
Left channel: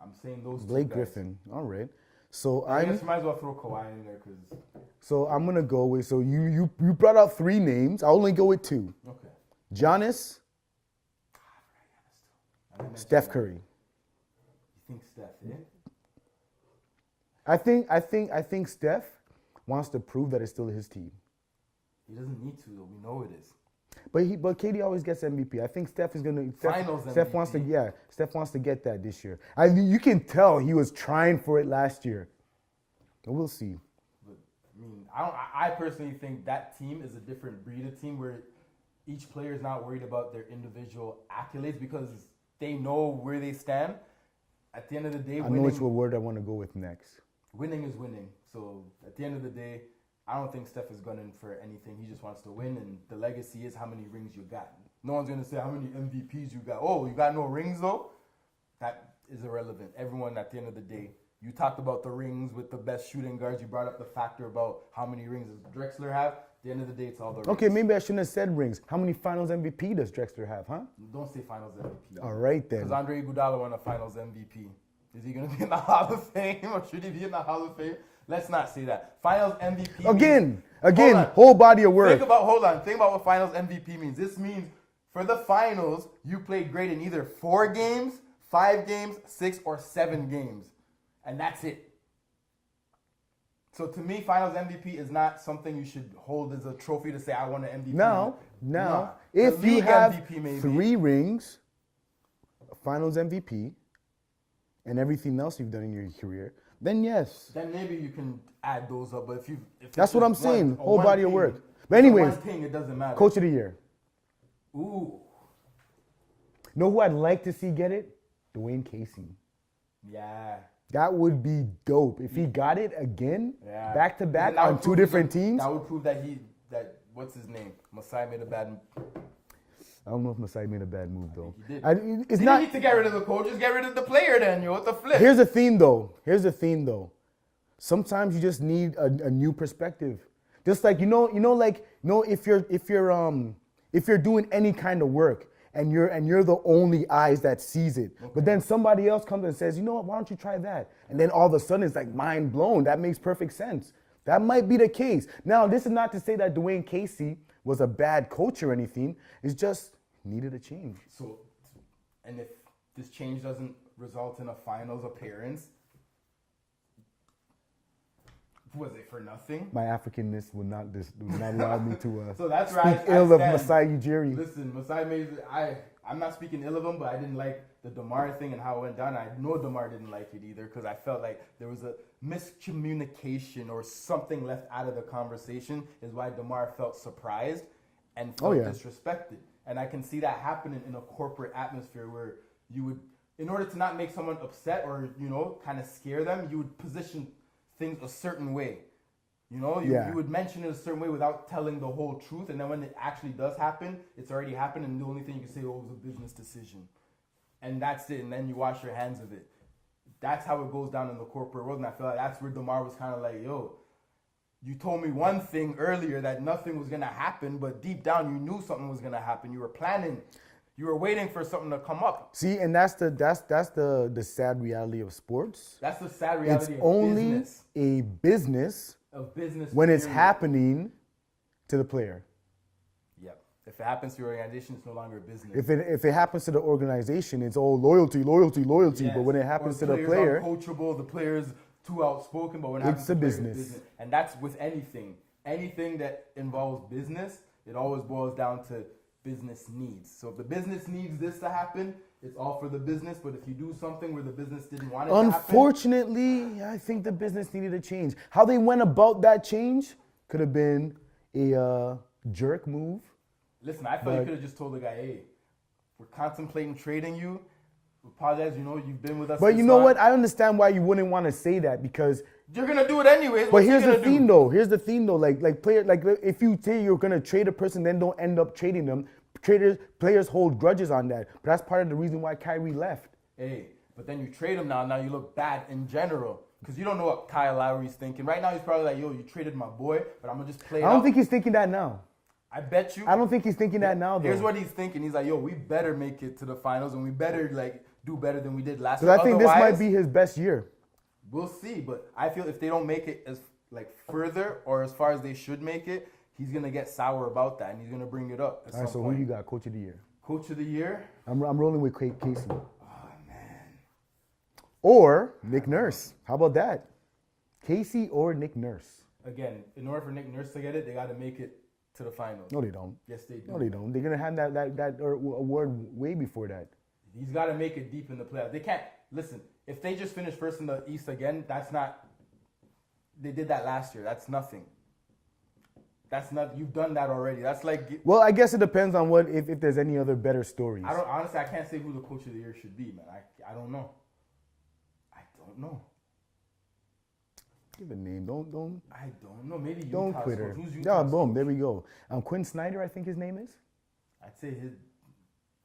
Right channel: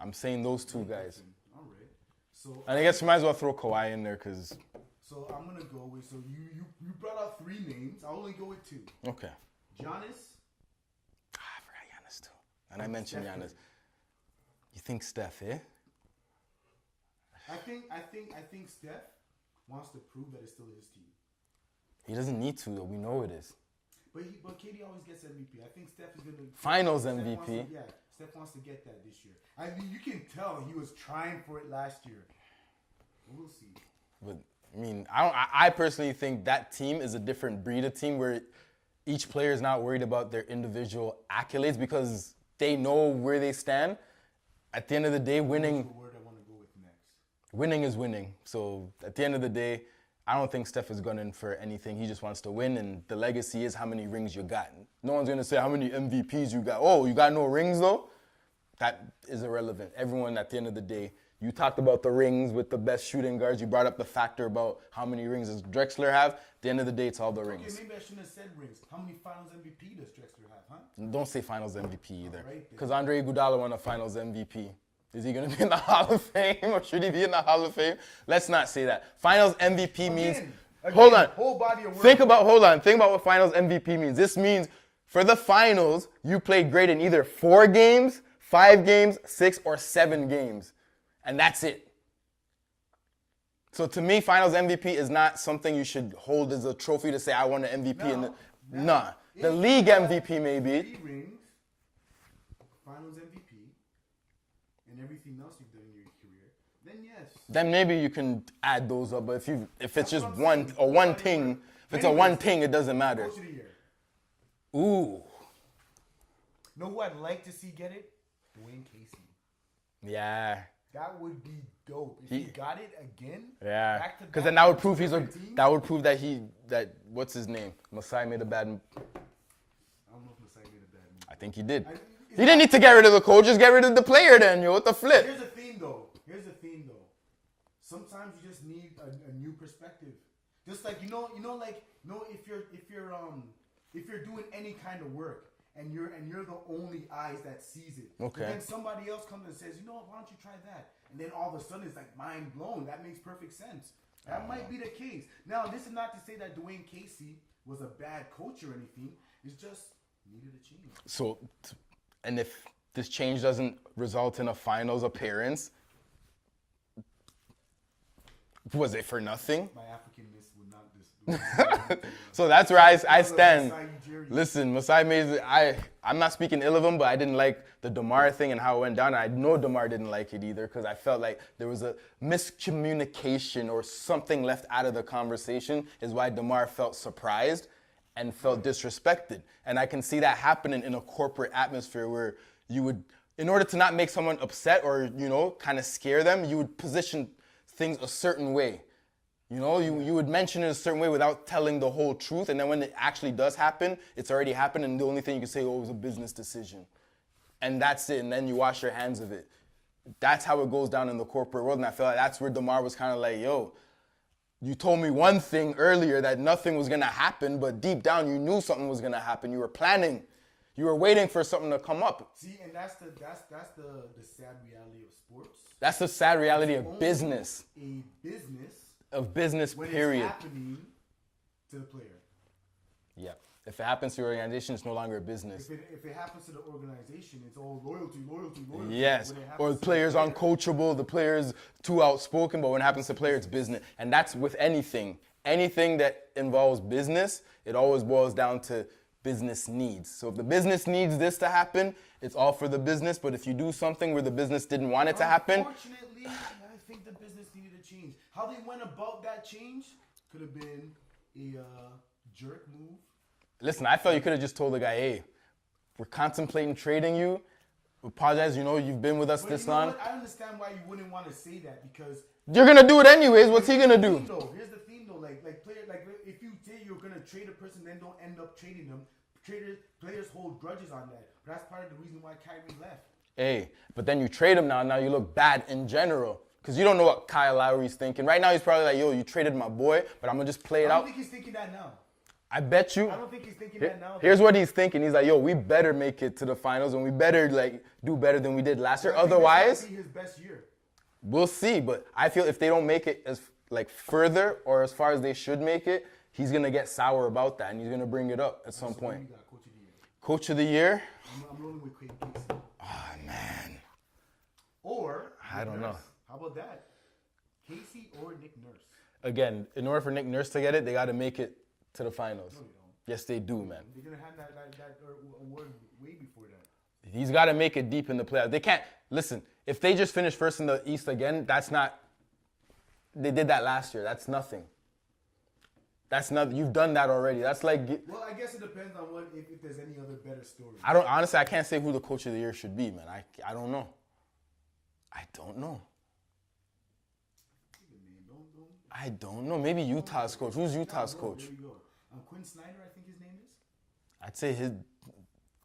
I'm saying those two Blake guys. Griffin. All right. So I guess you might as well throw Kawhi in there because. So I'm gonna go with. So you brought out 3 names. I'll only go with 2. Okay. Giannis, I forgot Giannis too. And I mentioned Steph Giannis. Curry. You think Steph, eh? I think Steph wants to prove that it's still his team. He doesn't need to though. We know it is. But KD always gets MVP. I think Steph is gonna Finals Steph wants to MVP. Steph wants to get that this year. You can tell he was trying for it last year. But we'll see. But I mean, I personally think that team is a different breed of team where each player is not worried about their individual accolades because they know where they stand. At the end of the day, I know which word I want to go with next. winning is winning. So at the end of the day, I don't think Steph is gunning for anything. He just wants to win, and the legacy is how many rings you got. No one's going to say how many MVPs you got. Oh, you got no rings, though? That is irrelevant. Everyone, at the end of the day, you talked about the rings with the best shooting guards. You brought up the factor about how many rings does Drexler have. At the end of the day, it's all the rings. Okay, maybe I shouldn't have said rings. How many finals MVP does Drexler have, huh? Don't say finals MVP. All right, then. Because Andre Iguodala won a finals MVP. Is he going to be in the Hall of Fame, or should he be in the Hall of Fame? Let's not say that. Finals MVP Again, means, whole body of work. Think about what finals MVP means. This means for the finals, you played great in either 4 games, 5 games, 6, or 7 games. And that's it. So to me, finals MVP is not something you should hold as a trophy to say, I won an MVP. Now, Nah. if The league you have MVP maybe. 3 rings, finals MVP, and everything else you've done in your career, then yes. Then maybe you can add those up. But if it's That's just what I'm saying, whole one body of thing, work. if But it's a anyways, one thing, it doesn't matter. Coach of the year. Ooh. Know who I'd like to see get it? Dwayne Casey. Yeah. That would be dope. If he got it again, Yeah. back to 'Cause back then that on would 2 prove he's different teams. That would prove that what's his name? Masai made a bad. I don't know if Masai made a bad move, though. I think he did. It's You not- didn't need to get rid of the coach. Just get rid of the player, then. What the flip? Here's the theme, though. Sometimes you just need a new perspective. Just like if you're doing any kind of work and you're the only eyes that sees it, Okay. but then somebody else comes and says, you know what? Why don't you try that? And then all of a sudden it's like mind blown. That makes perfect sense. That might be the case. Now, this is not to say that Dwayne Casey was a bad coach or anything. It's just needed a change. So, and if this change doesn't result in a finals appearance, was it for nothing? My Africanness would not allow me to. So that's where I speak ill of stand. Masai Ujiri. Listen, Masai Ujiri, I'm not speaking ill of him, but I didn't like the DeMar thing and how it went down. And I know DeMar didn't like it either because I felt like there was a miscommunication or something left out of the conversation is why DeMar felt surprised and felt disrespected. And I can see that happening in a corporate atmosphere where you would, in order to not make someone upset or, kind of scare them, you would position things a certain way. You would mention it a certain way without telling the whole truth. And then when it actually does happen, it's already happened. And the only thing you can say, it was a business decision. And that's it. And then you wash your hands of it. That's how it goes down in the corporate world. And I feel like that's where DeMar was kind of like, yo, you told me one thing earlier that nothing was going to happen, but deep down you knew something was going to happen. You were planning. You were waiting for something to come up. See, and that's the sad reality of sports. That's the sad reality It's of only business. a business Of business, when period. it's happening to the player. Yeah. If it happens to your organization, it's no longer a business. If it happens to the organization, it's all loyalty. Yes. But when it happens or to the players the player, aren't coachable, the players too outspoken, but when it happens to a the player, it's business. business. And that's with anything. Anything that involves business, it always boils down to business needs. So if the business needs this to happen, it's all for the business. But if you do something where the business didn't want it to happen, unfortunately, I think the business needed a change. How they went about that change could have been a jerk move. listen, I felt you could have just told the guy, hey, we're contemplating trading you. We apologize, you've been with us But this you know long. what? I understand why you wouldn't want to say that because. You're gonna do it anyways. But What's he here's gonna the do? thing, though. If you say you're gonna trade a person, then don't end up trading them. Players hold grudges on that. But that's part of the reason why Kyrie left. Hey, but then you trade him now. Now you look bad in general. Because you don't know what Kyle Lowry's thinking. Right now he's probably like, yo, you traded my boy, but I'm going to just play it I don't out. think he's thinking that now. I bet you. I don't think he's thinking that now. Here's though. what he's thinking. He's like, yo, we better make it to the finals and we better do better than we did last So year. I think Otherwise, this might be his best year. we'll see. But I feel if they don't make it as further or as far as they should make it, he's going to get sour about that and he's going to bring it up at All right, some so point. who you got, Coach of the Year? Coach of the year? I'm rolling with Casey. Oh, man. Or Nick don't Nurse. How about that? Casey or Nick Nurse? Again, in order for Nick Nurse to get it, they got to make it to the finals. No, they don't. Yes, they do, No, they man. don't. They're gonna have that award way before that. He's got to make it deep in the playoffs. They can't, listen, if they just finish first in the East again, that's not, they did that last year. That's nothing. That's nothing. You've done that already. That's like, Well, I guess it depends on if there's any other better stories. honestly, I can't say who the coach of the year should be, man. I don't know. I don't know. Give a name. Don't. I don't know. Maybe Don't Utah's quit her. coach. Who's Yeah, Utah's boom. coach? There we go. Quinn Snyder, I think his name is. I'd say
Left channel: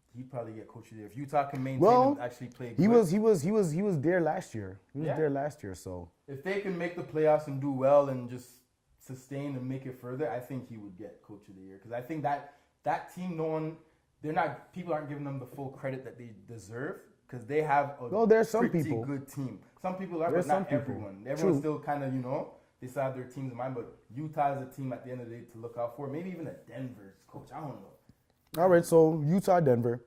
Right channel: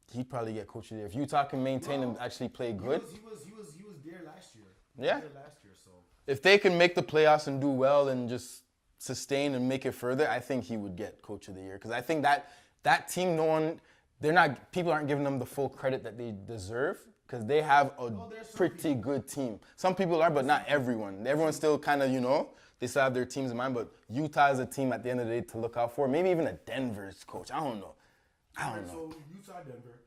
he'd probably get coach of the year if Utah can maintain Well, and actually play He good. was there last year. He was Yeah. there last year. So If they can make the playoffs and do well and just sustain and make it further, I think he would get coach of the year because I think that team, people aren't giving them the full credit that they deserve because they have a there's some pretty people. good team. Some people are, but There's not some people. everyone. Everyone's True. still kind of, they still have their teams in mind, but Utah is a team at the end of the day to look out for. Maybe even a Denver's coach. I don't know. all right. So Utah, Denver.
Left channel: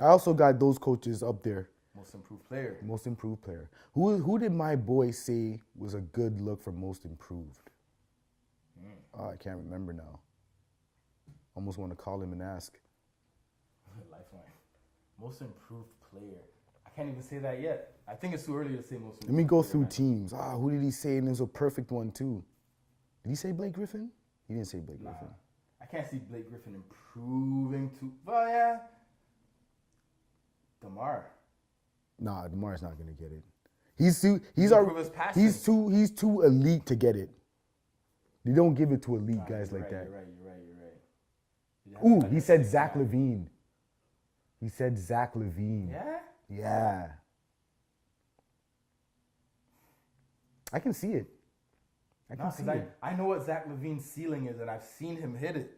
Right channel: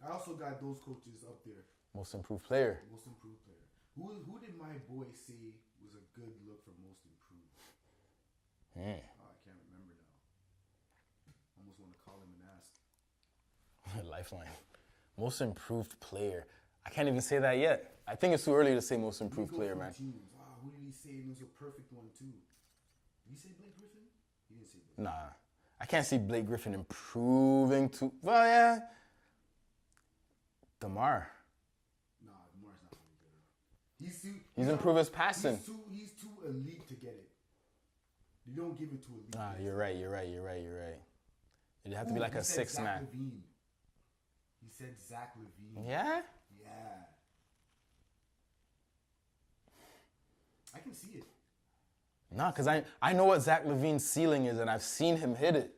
I also got those coaches up there. Most improved player. Most improved player. Who did my boy say was a good look for most improved? Oh, I can't remember now. Almost want to call him and ask. Lifeline. Most improved player. I can't even say that yet. I think it's too early to say most improved Let me go player, through man. teams. Who did he say? And it was a perfect one too. Did he say Blake Griffin? He didn't say Blake Nah. Griffin. I can't see Blake Griffin improving too. Well, yeah. DeMar. Nah, DeMar's not gonna get it. He's improve his passing. he's too elite to get it. They don't give it to elite guys You're like right, that. you're right. It'd have to be Ooh, like he a said six Zach man. Levine. He said Zach Levine. Yeah? Yeah. I can see it. No, because see I it. I know what Zach Levine's ceiling is, and I've seen him hit it.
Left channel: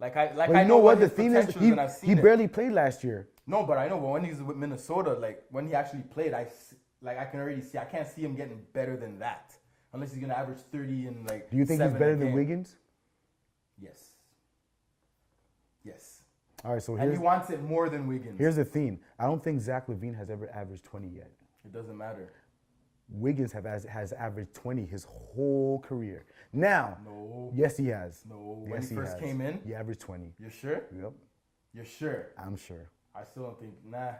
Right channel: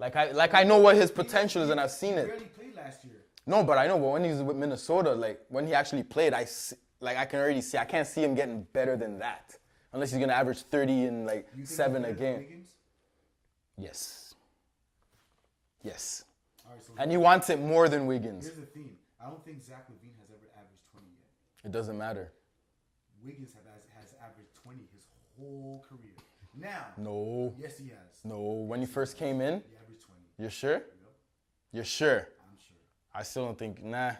I But know you know what the his thing is, potential is, and I've seen He it. barely played last year. No, but I know. But when he was with Minnesota, like when he actually played, I can already see. I can't see him getting better than that, unless he's gonna average 30 and like. Do you think he's 7 a better than game. Wiggins? Yes. Yes. All right, so And he wants it more than Wiggins. here's the thing. I don't think Zach Levine has ever averaged 20 yet. It doesn't matter. Wiggins has averaged 20 his whole career. Now, No. yes, he has. No. When Yes, he first has. came in, he averaged 20. you're sure? Yep, You're sure? I'm sure. I still don't think. Nah.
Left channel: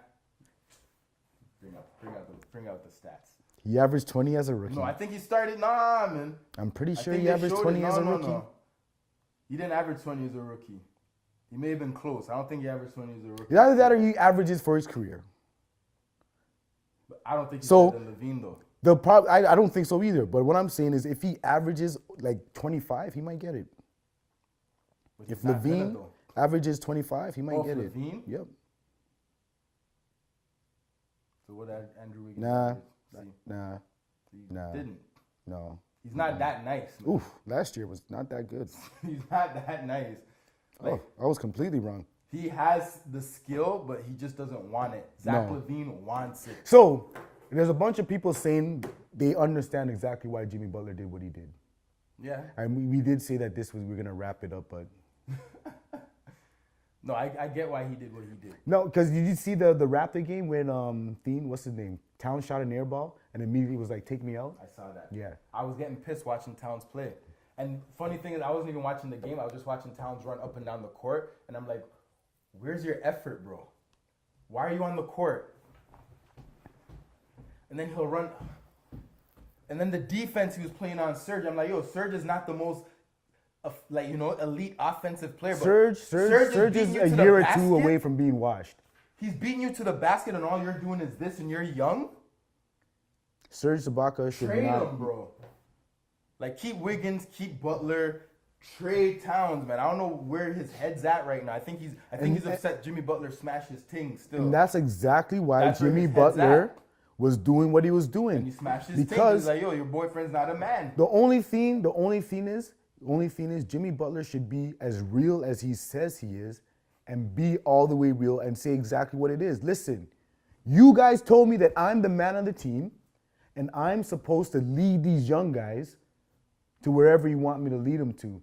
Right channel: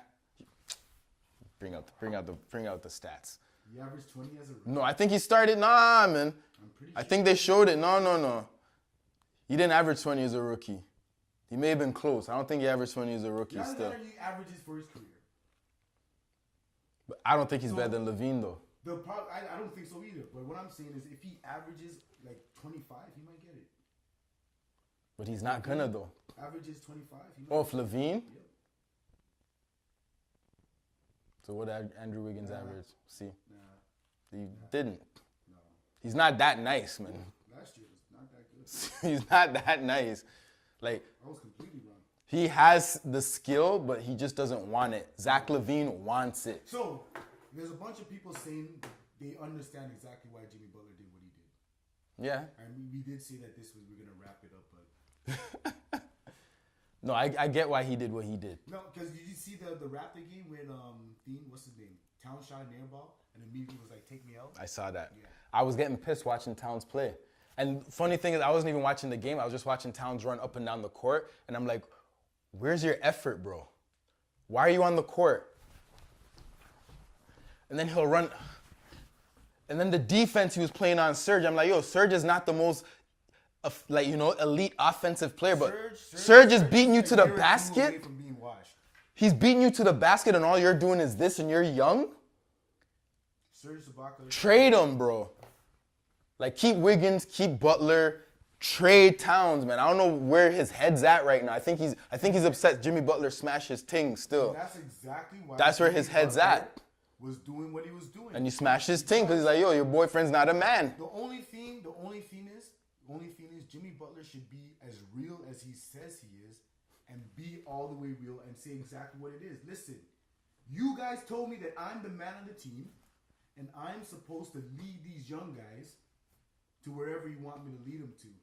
Bring out the stats. He averaged 20 as a rookie. No, I think he started. Nah, man. I'm pretty sure. I think he they averaged showed it. 20 as a No. rookie. He didn't average 20 as a rookie. He may have been close. I don't think he averaged 20 as a rookie. Either that or he averages for his career. But I don't think he's So- better than Levine though. I don't think so either. But what I'm saying is, if he averages like 25, he might get it. But he's If not Levine gonna though. averages 25, he might Oh, get for it. Levine? Yep. So what did Andrew Wiggins Nah. average? See, Nah. he Nah. didn't. No. He's not that nice, man. Oof. Last year was not that good. He's not that nice. Like I was completely wrong. he has the skill, but he just doesn't want it. Zach No. Levine wants it. So there's a bunch of people saying they understand exactly why Jimmy Butler did what he did. Yeah. And we did say that we're gonna wrap it up, but No, I get why he did what he did. no, because did you see the Raptor game when what's his name? Towns shot an air ball and immediately was like, take me out. I saw that. Yeah. I was getting pissed watching Towns play. And funny thing is, I wasn't even watching the game. I was just watching Towns run up and down the court. And I'm like, where's your effort, bro? Why are you on the court? And then he'll run. And then the defense he was playing on Serge, I'm like, yo, Serge is not the most, elite offensive player. But Serge is beating you to the a year or basket. two away from being washed. He's beating you to the basket, and all you're doing is this, and you're young? Serge Ibaka. should Trade not- him, bro. Like, keep Wiggins, keep Butler, trade Towns, man. I don't know where his head's at right now. I think he's upset Jimmy Butler smashed his ting still. And that's exactly why That's where Jimmy his head's Butler at. was doing what he was doing. And he smashed his ting Because because he's like, yo, your boyfriend's not a man. The only thing is Jimmy Butler should be as real as he says he is and be all the way real and say exactly what it is. Listen, you guys told me that I'm the man on the team and I'm supposed to lead these young guys to wherever you want me to lead them to.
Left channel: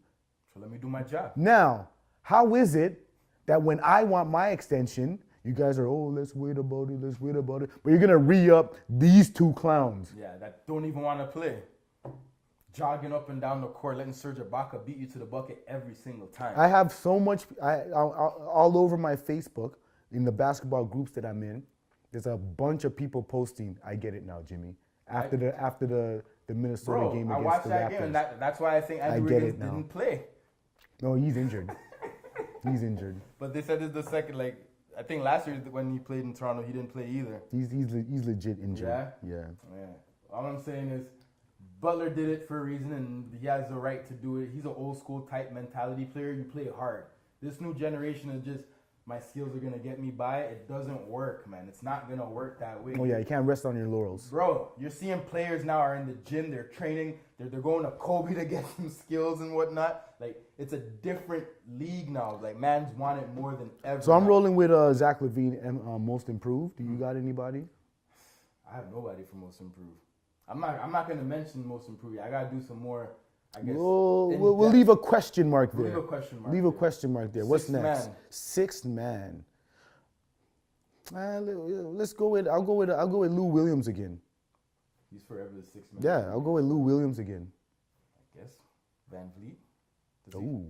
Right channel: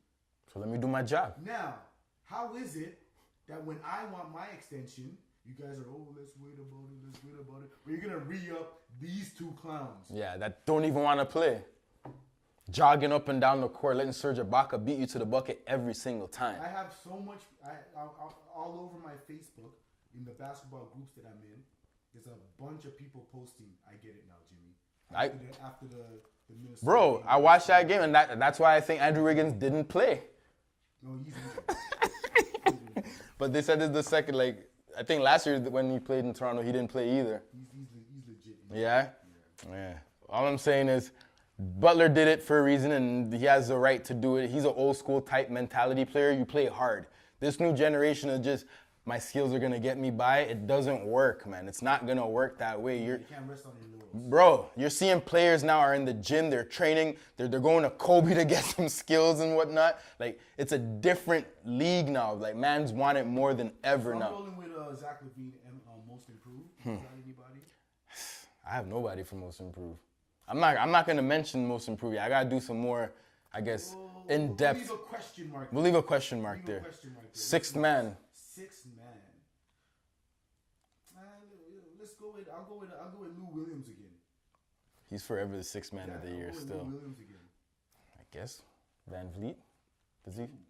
So let me do my job. Now, how is it that when I want my extension, you guys are, let's wait about it, but you're gonna re-up these two clowns. Yeah, that don't even want to play. Jogging up and down the court, letting Serge Ibaka beat you to the bucket every single time. I have so much, all over my Facebook, in the basketball groups that I'm in, there's a bunch of people posting, I get it now, Jimmy. After the Minnesota Bro, game I against watched the that game, Raptors. and that's why I think Andrew get Wiggins it now. didn't play. No, he's injured. He's injured. But they said it's the second, I think last year when he played in Toronto, he didn't play either. He's legit injured. Yeah? Yeah. Yeah. All I'm saying is, Butler did it for a reason, and he has the right to do it. He's an old school type mentality player. You play hard. This new generation is just, my skills are going to get me by. It doesn't work, man. It's not going to work that way. Oh, yeah, you can't rest on your laurels. Bro, you're seeing players now are in the gym, they're training, they're going to Kobe to get some skills and whatnot. Like, it's a different league now. Like, man's want it more than ever. So I'm now. rolling with Zach LaVine, most improved. You got anybody? I have nobody for most improved. I'm not going to mention most improved yet. I got to do some more, I guess, We'll leave a question mark there. We'll leave a question mark Leave there. a question mark there. Sixth What's next? man. Sixth man. Let's go with. I'll go with Lou Williams again. He's forever the sixth man. Yeah, of the I'll year go with Lou still. Williams again. I guess. Van Vliet. Does he? Ooh,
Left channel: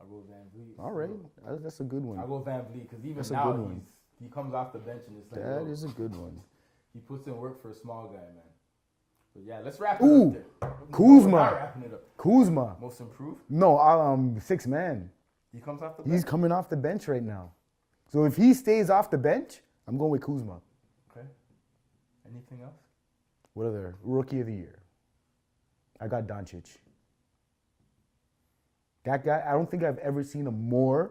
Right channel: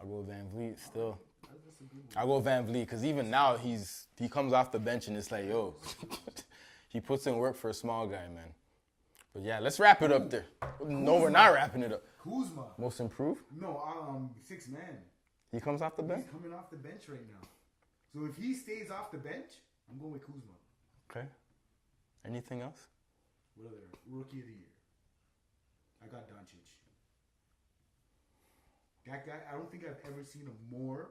I'll go with Van Vliet. all still. right, that's a good one. I'll go Van Vliet because even That's a now good one. he comes off the bench and it's like, Yeah, yo, it's a good one. he puts in work for a small guy, man. But yeah, let's wrap it Ooh, up there. No, Kuzma. we're not wrapping it up. Kuzma. Most improved? No, sixth man. He comes off the bench. He's coming off the bench right now. So if he stays off the bench, I'm going with Kuzma. Okay. Anything else? What other rookie of the year? I got Doncic. That guy, I don't think I've ever seen a more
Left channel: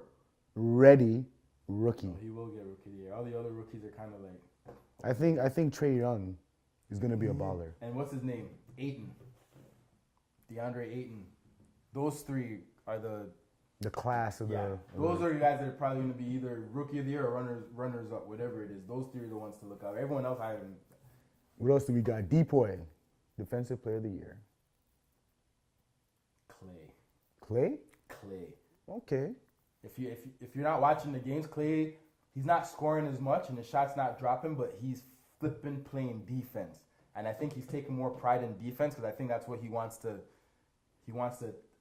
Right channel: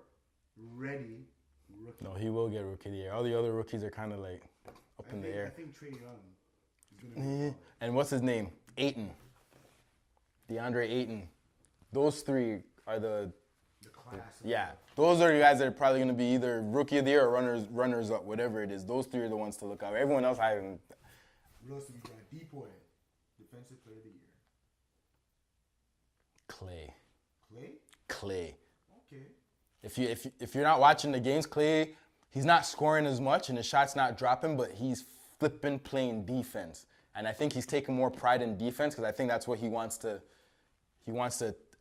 ready rookie. No, he will get rookie of the year. All the other rookies are kind of like. up I in the think air. I think Trae Young is gonna be a baller. And what's his name? Ayton. DeAndre Ayton. Those three are The class of yeah. the Those are the guys that are probably going to be either rookie of the year or runners up, whatever it is. Those three are the ones to look out. Everyone else, What else do we got? Depoy, defensive player of the year. Clay. Clay? Okay. If you're not watching the games, Clay, he's not scoring as much and his shot's not dropping, but he's flipping playing defense. And I think he's taking more pride in defense because I think that's what he wants to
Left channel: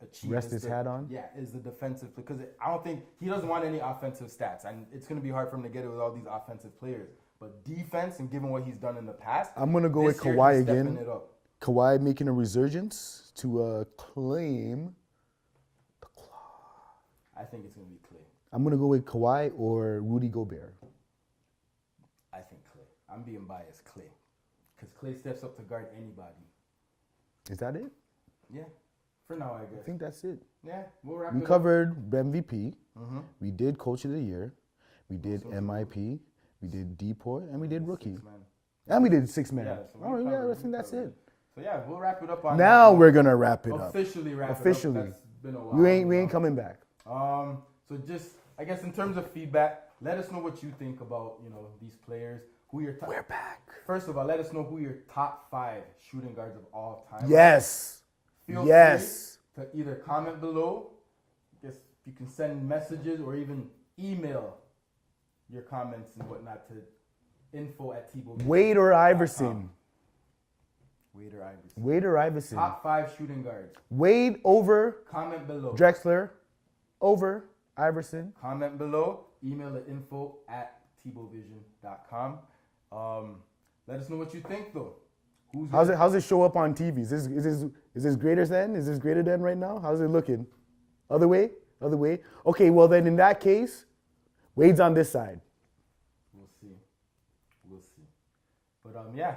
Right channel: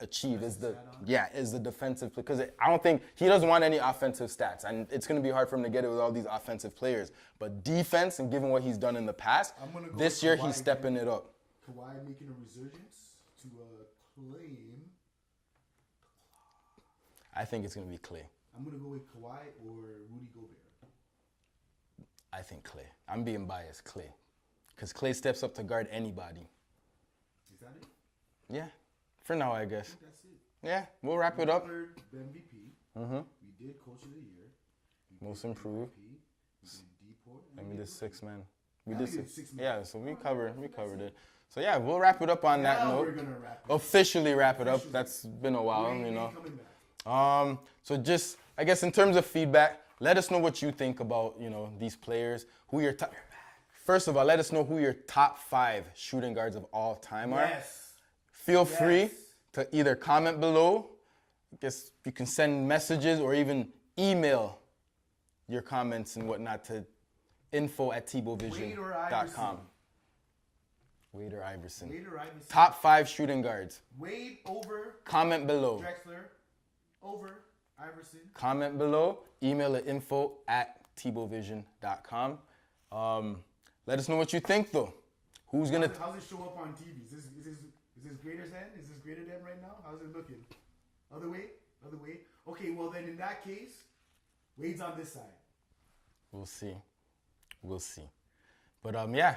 achieve. Rest is his the- hat on? Yeah, is the defensive because I don't think he doesn't want any offensive stats, and it's going to be hard for him to get it with all these offensive players. But defense, and given what he's done in the past, I'm gonna go this with year Kawhi he's again. stepping it up. Kawhi making a resurgence to claim. I think it's going to be Clay. I'm gonna go with Kawhi or Rudy Gobert. I think Clay. I'm being biased, Clay, because Clay steps up to guard anybody. Is that it? Yeah, for now, I I guess. think that's it. Yeah, we'll wrap We it up. covered MVP. We did Coach of the Year. We did Most improved. MIP. We did Depoy, and we did Rookie. Six man. And we did six man. Yeah, so we Oh, yeah, covered, I think that's it. it. So yeah, we'll wrap it up on that. Now note. we're gonna wrap it up. Officially wrap Officially. it up. That's been a while. We ain't you know. coming back. So just, I guess in terms of feedback, let us know what you think about, these players. Who your top. We're back. First of all, let us know who your top 5 shooting guards of all time are. Yes. Feel Yes. free to either comment below. I guess you can send messages or even email your comments and whatnot to info@tbowvision.com. Wade or Iverson. Wade or Iverson. Wade or Iverson. Top 5 shooting guards. Wade over Comment below. Drexler. Over Iverson. Comment below. Email at info@tbowvision.com. Let us know what you think, though. How's it show up on TV? Is this greater than? Is this greater than right now? How's it looking? Other way? Other way? Okay, well then in that case, Wade's on this side. We'll see. But yeah,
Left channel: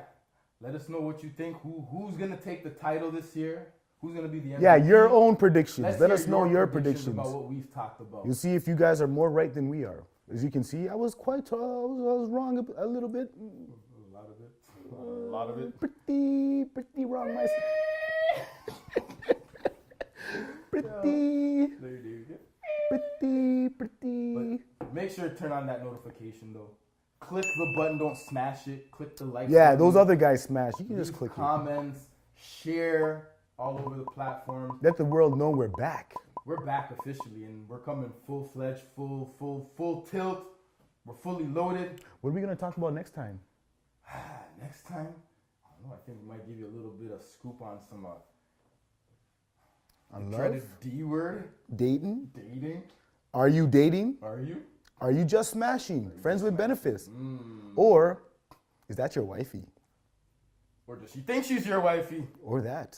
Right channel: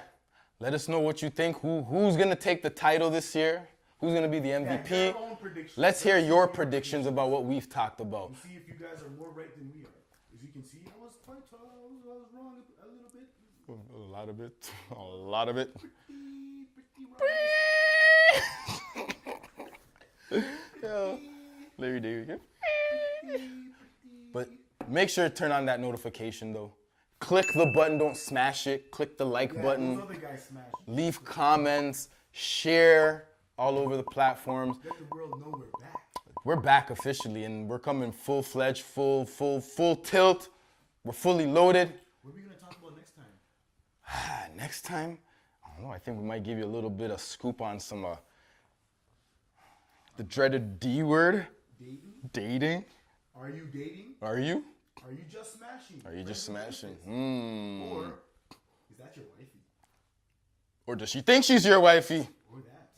let us know what you think. Who's gonna take the title this year? Who's gonna be the MVP? Yeah, your own predictions. Let's Let hear us know your predictions about what we've talked about. You'll see if you guys are more right than we are. As you can see, I was I was wrong a little bit. A lot of it. A lot of it. Pretty wrong. Pretty. Larry David. Pretty. But make sure to turn on that notification though. Click the button, don't smash it. Click the like Yeah, button. those other guys smash. You can just Leave click it. comments, share all over the platforms. Let the world know we're back. We're back officially and we're coming full-fledged, full tilt. We're fully loaded. What are we gonna talk about next time? Next time, I don't know, I think we might give you a little bit of scoop on some the dreaded D word, Dating? dating. Are you dating? Are you? Are you just smashing? you Friends just with smashing? benefits? Or is that your wifey? Or does she think she's your wifey? Or that?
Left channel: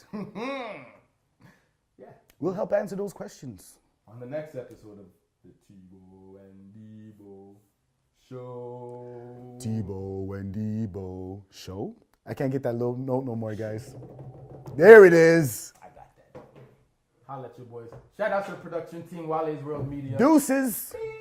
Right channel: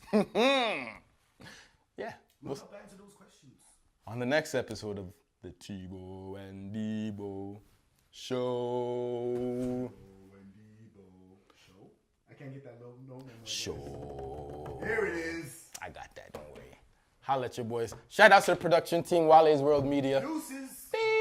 Yeah. We'll help answer those questions. On the next episode of the Tebow and Debo Show. Tebow and Debo show. I can't get that little note no more, guys. There it is. I got that, don't worry. Holla at your boys. Shout out to the production team, Wale's World Media. Deuces. Peace.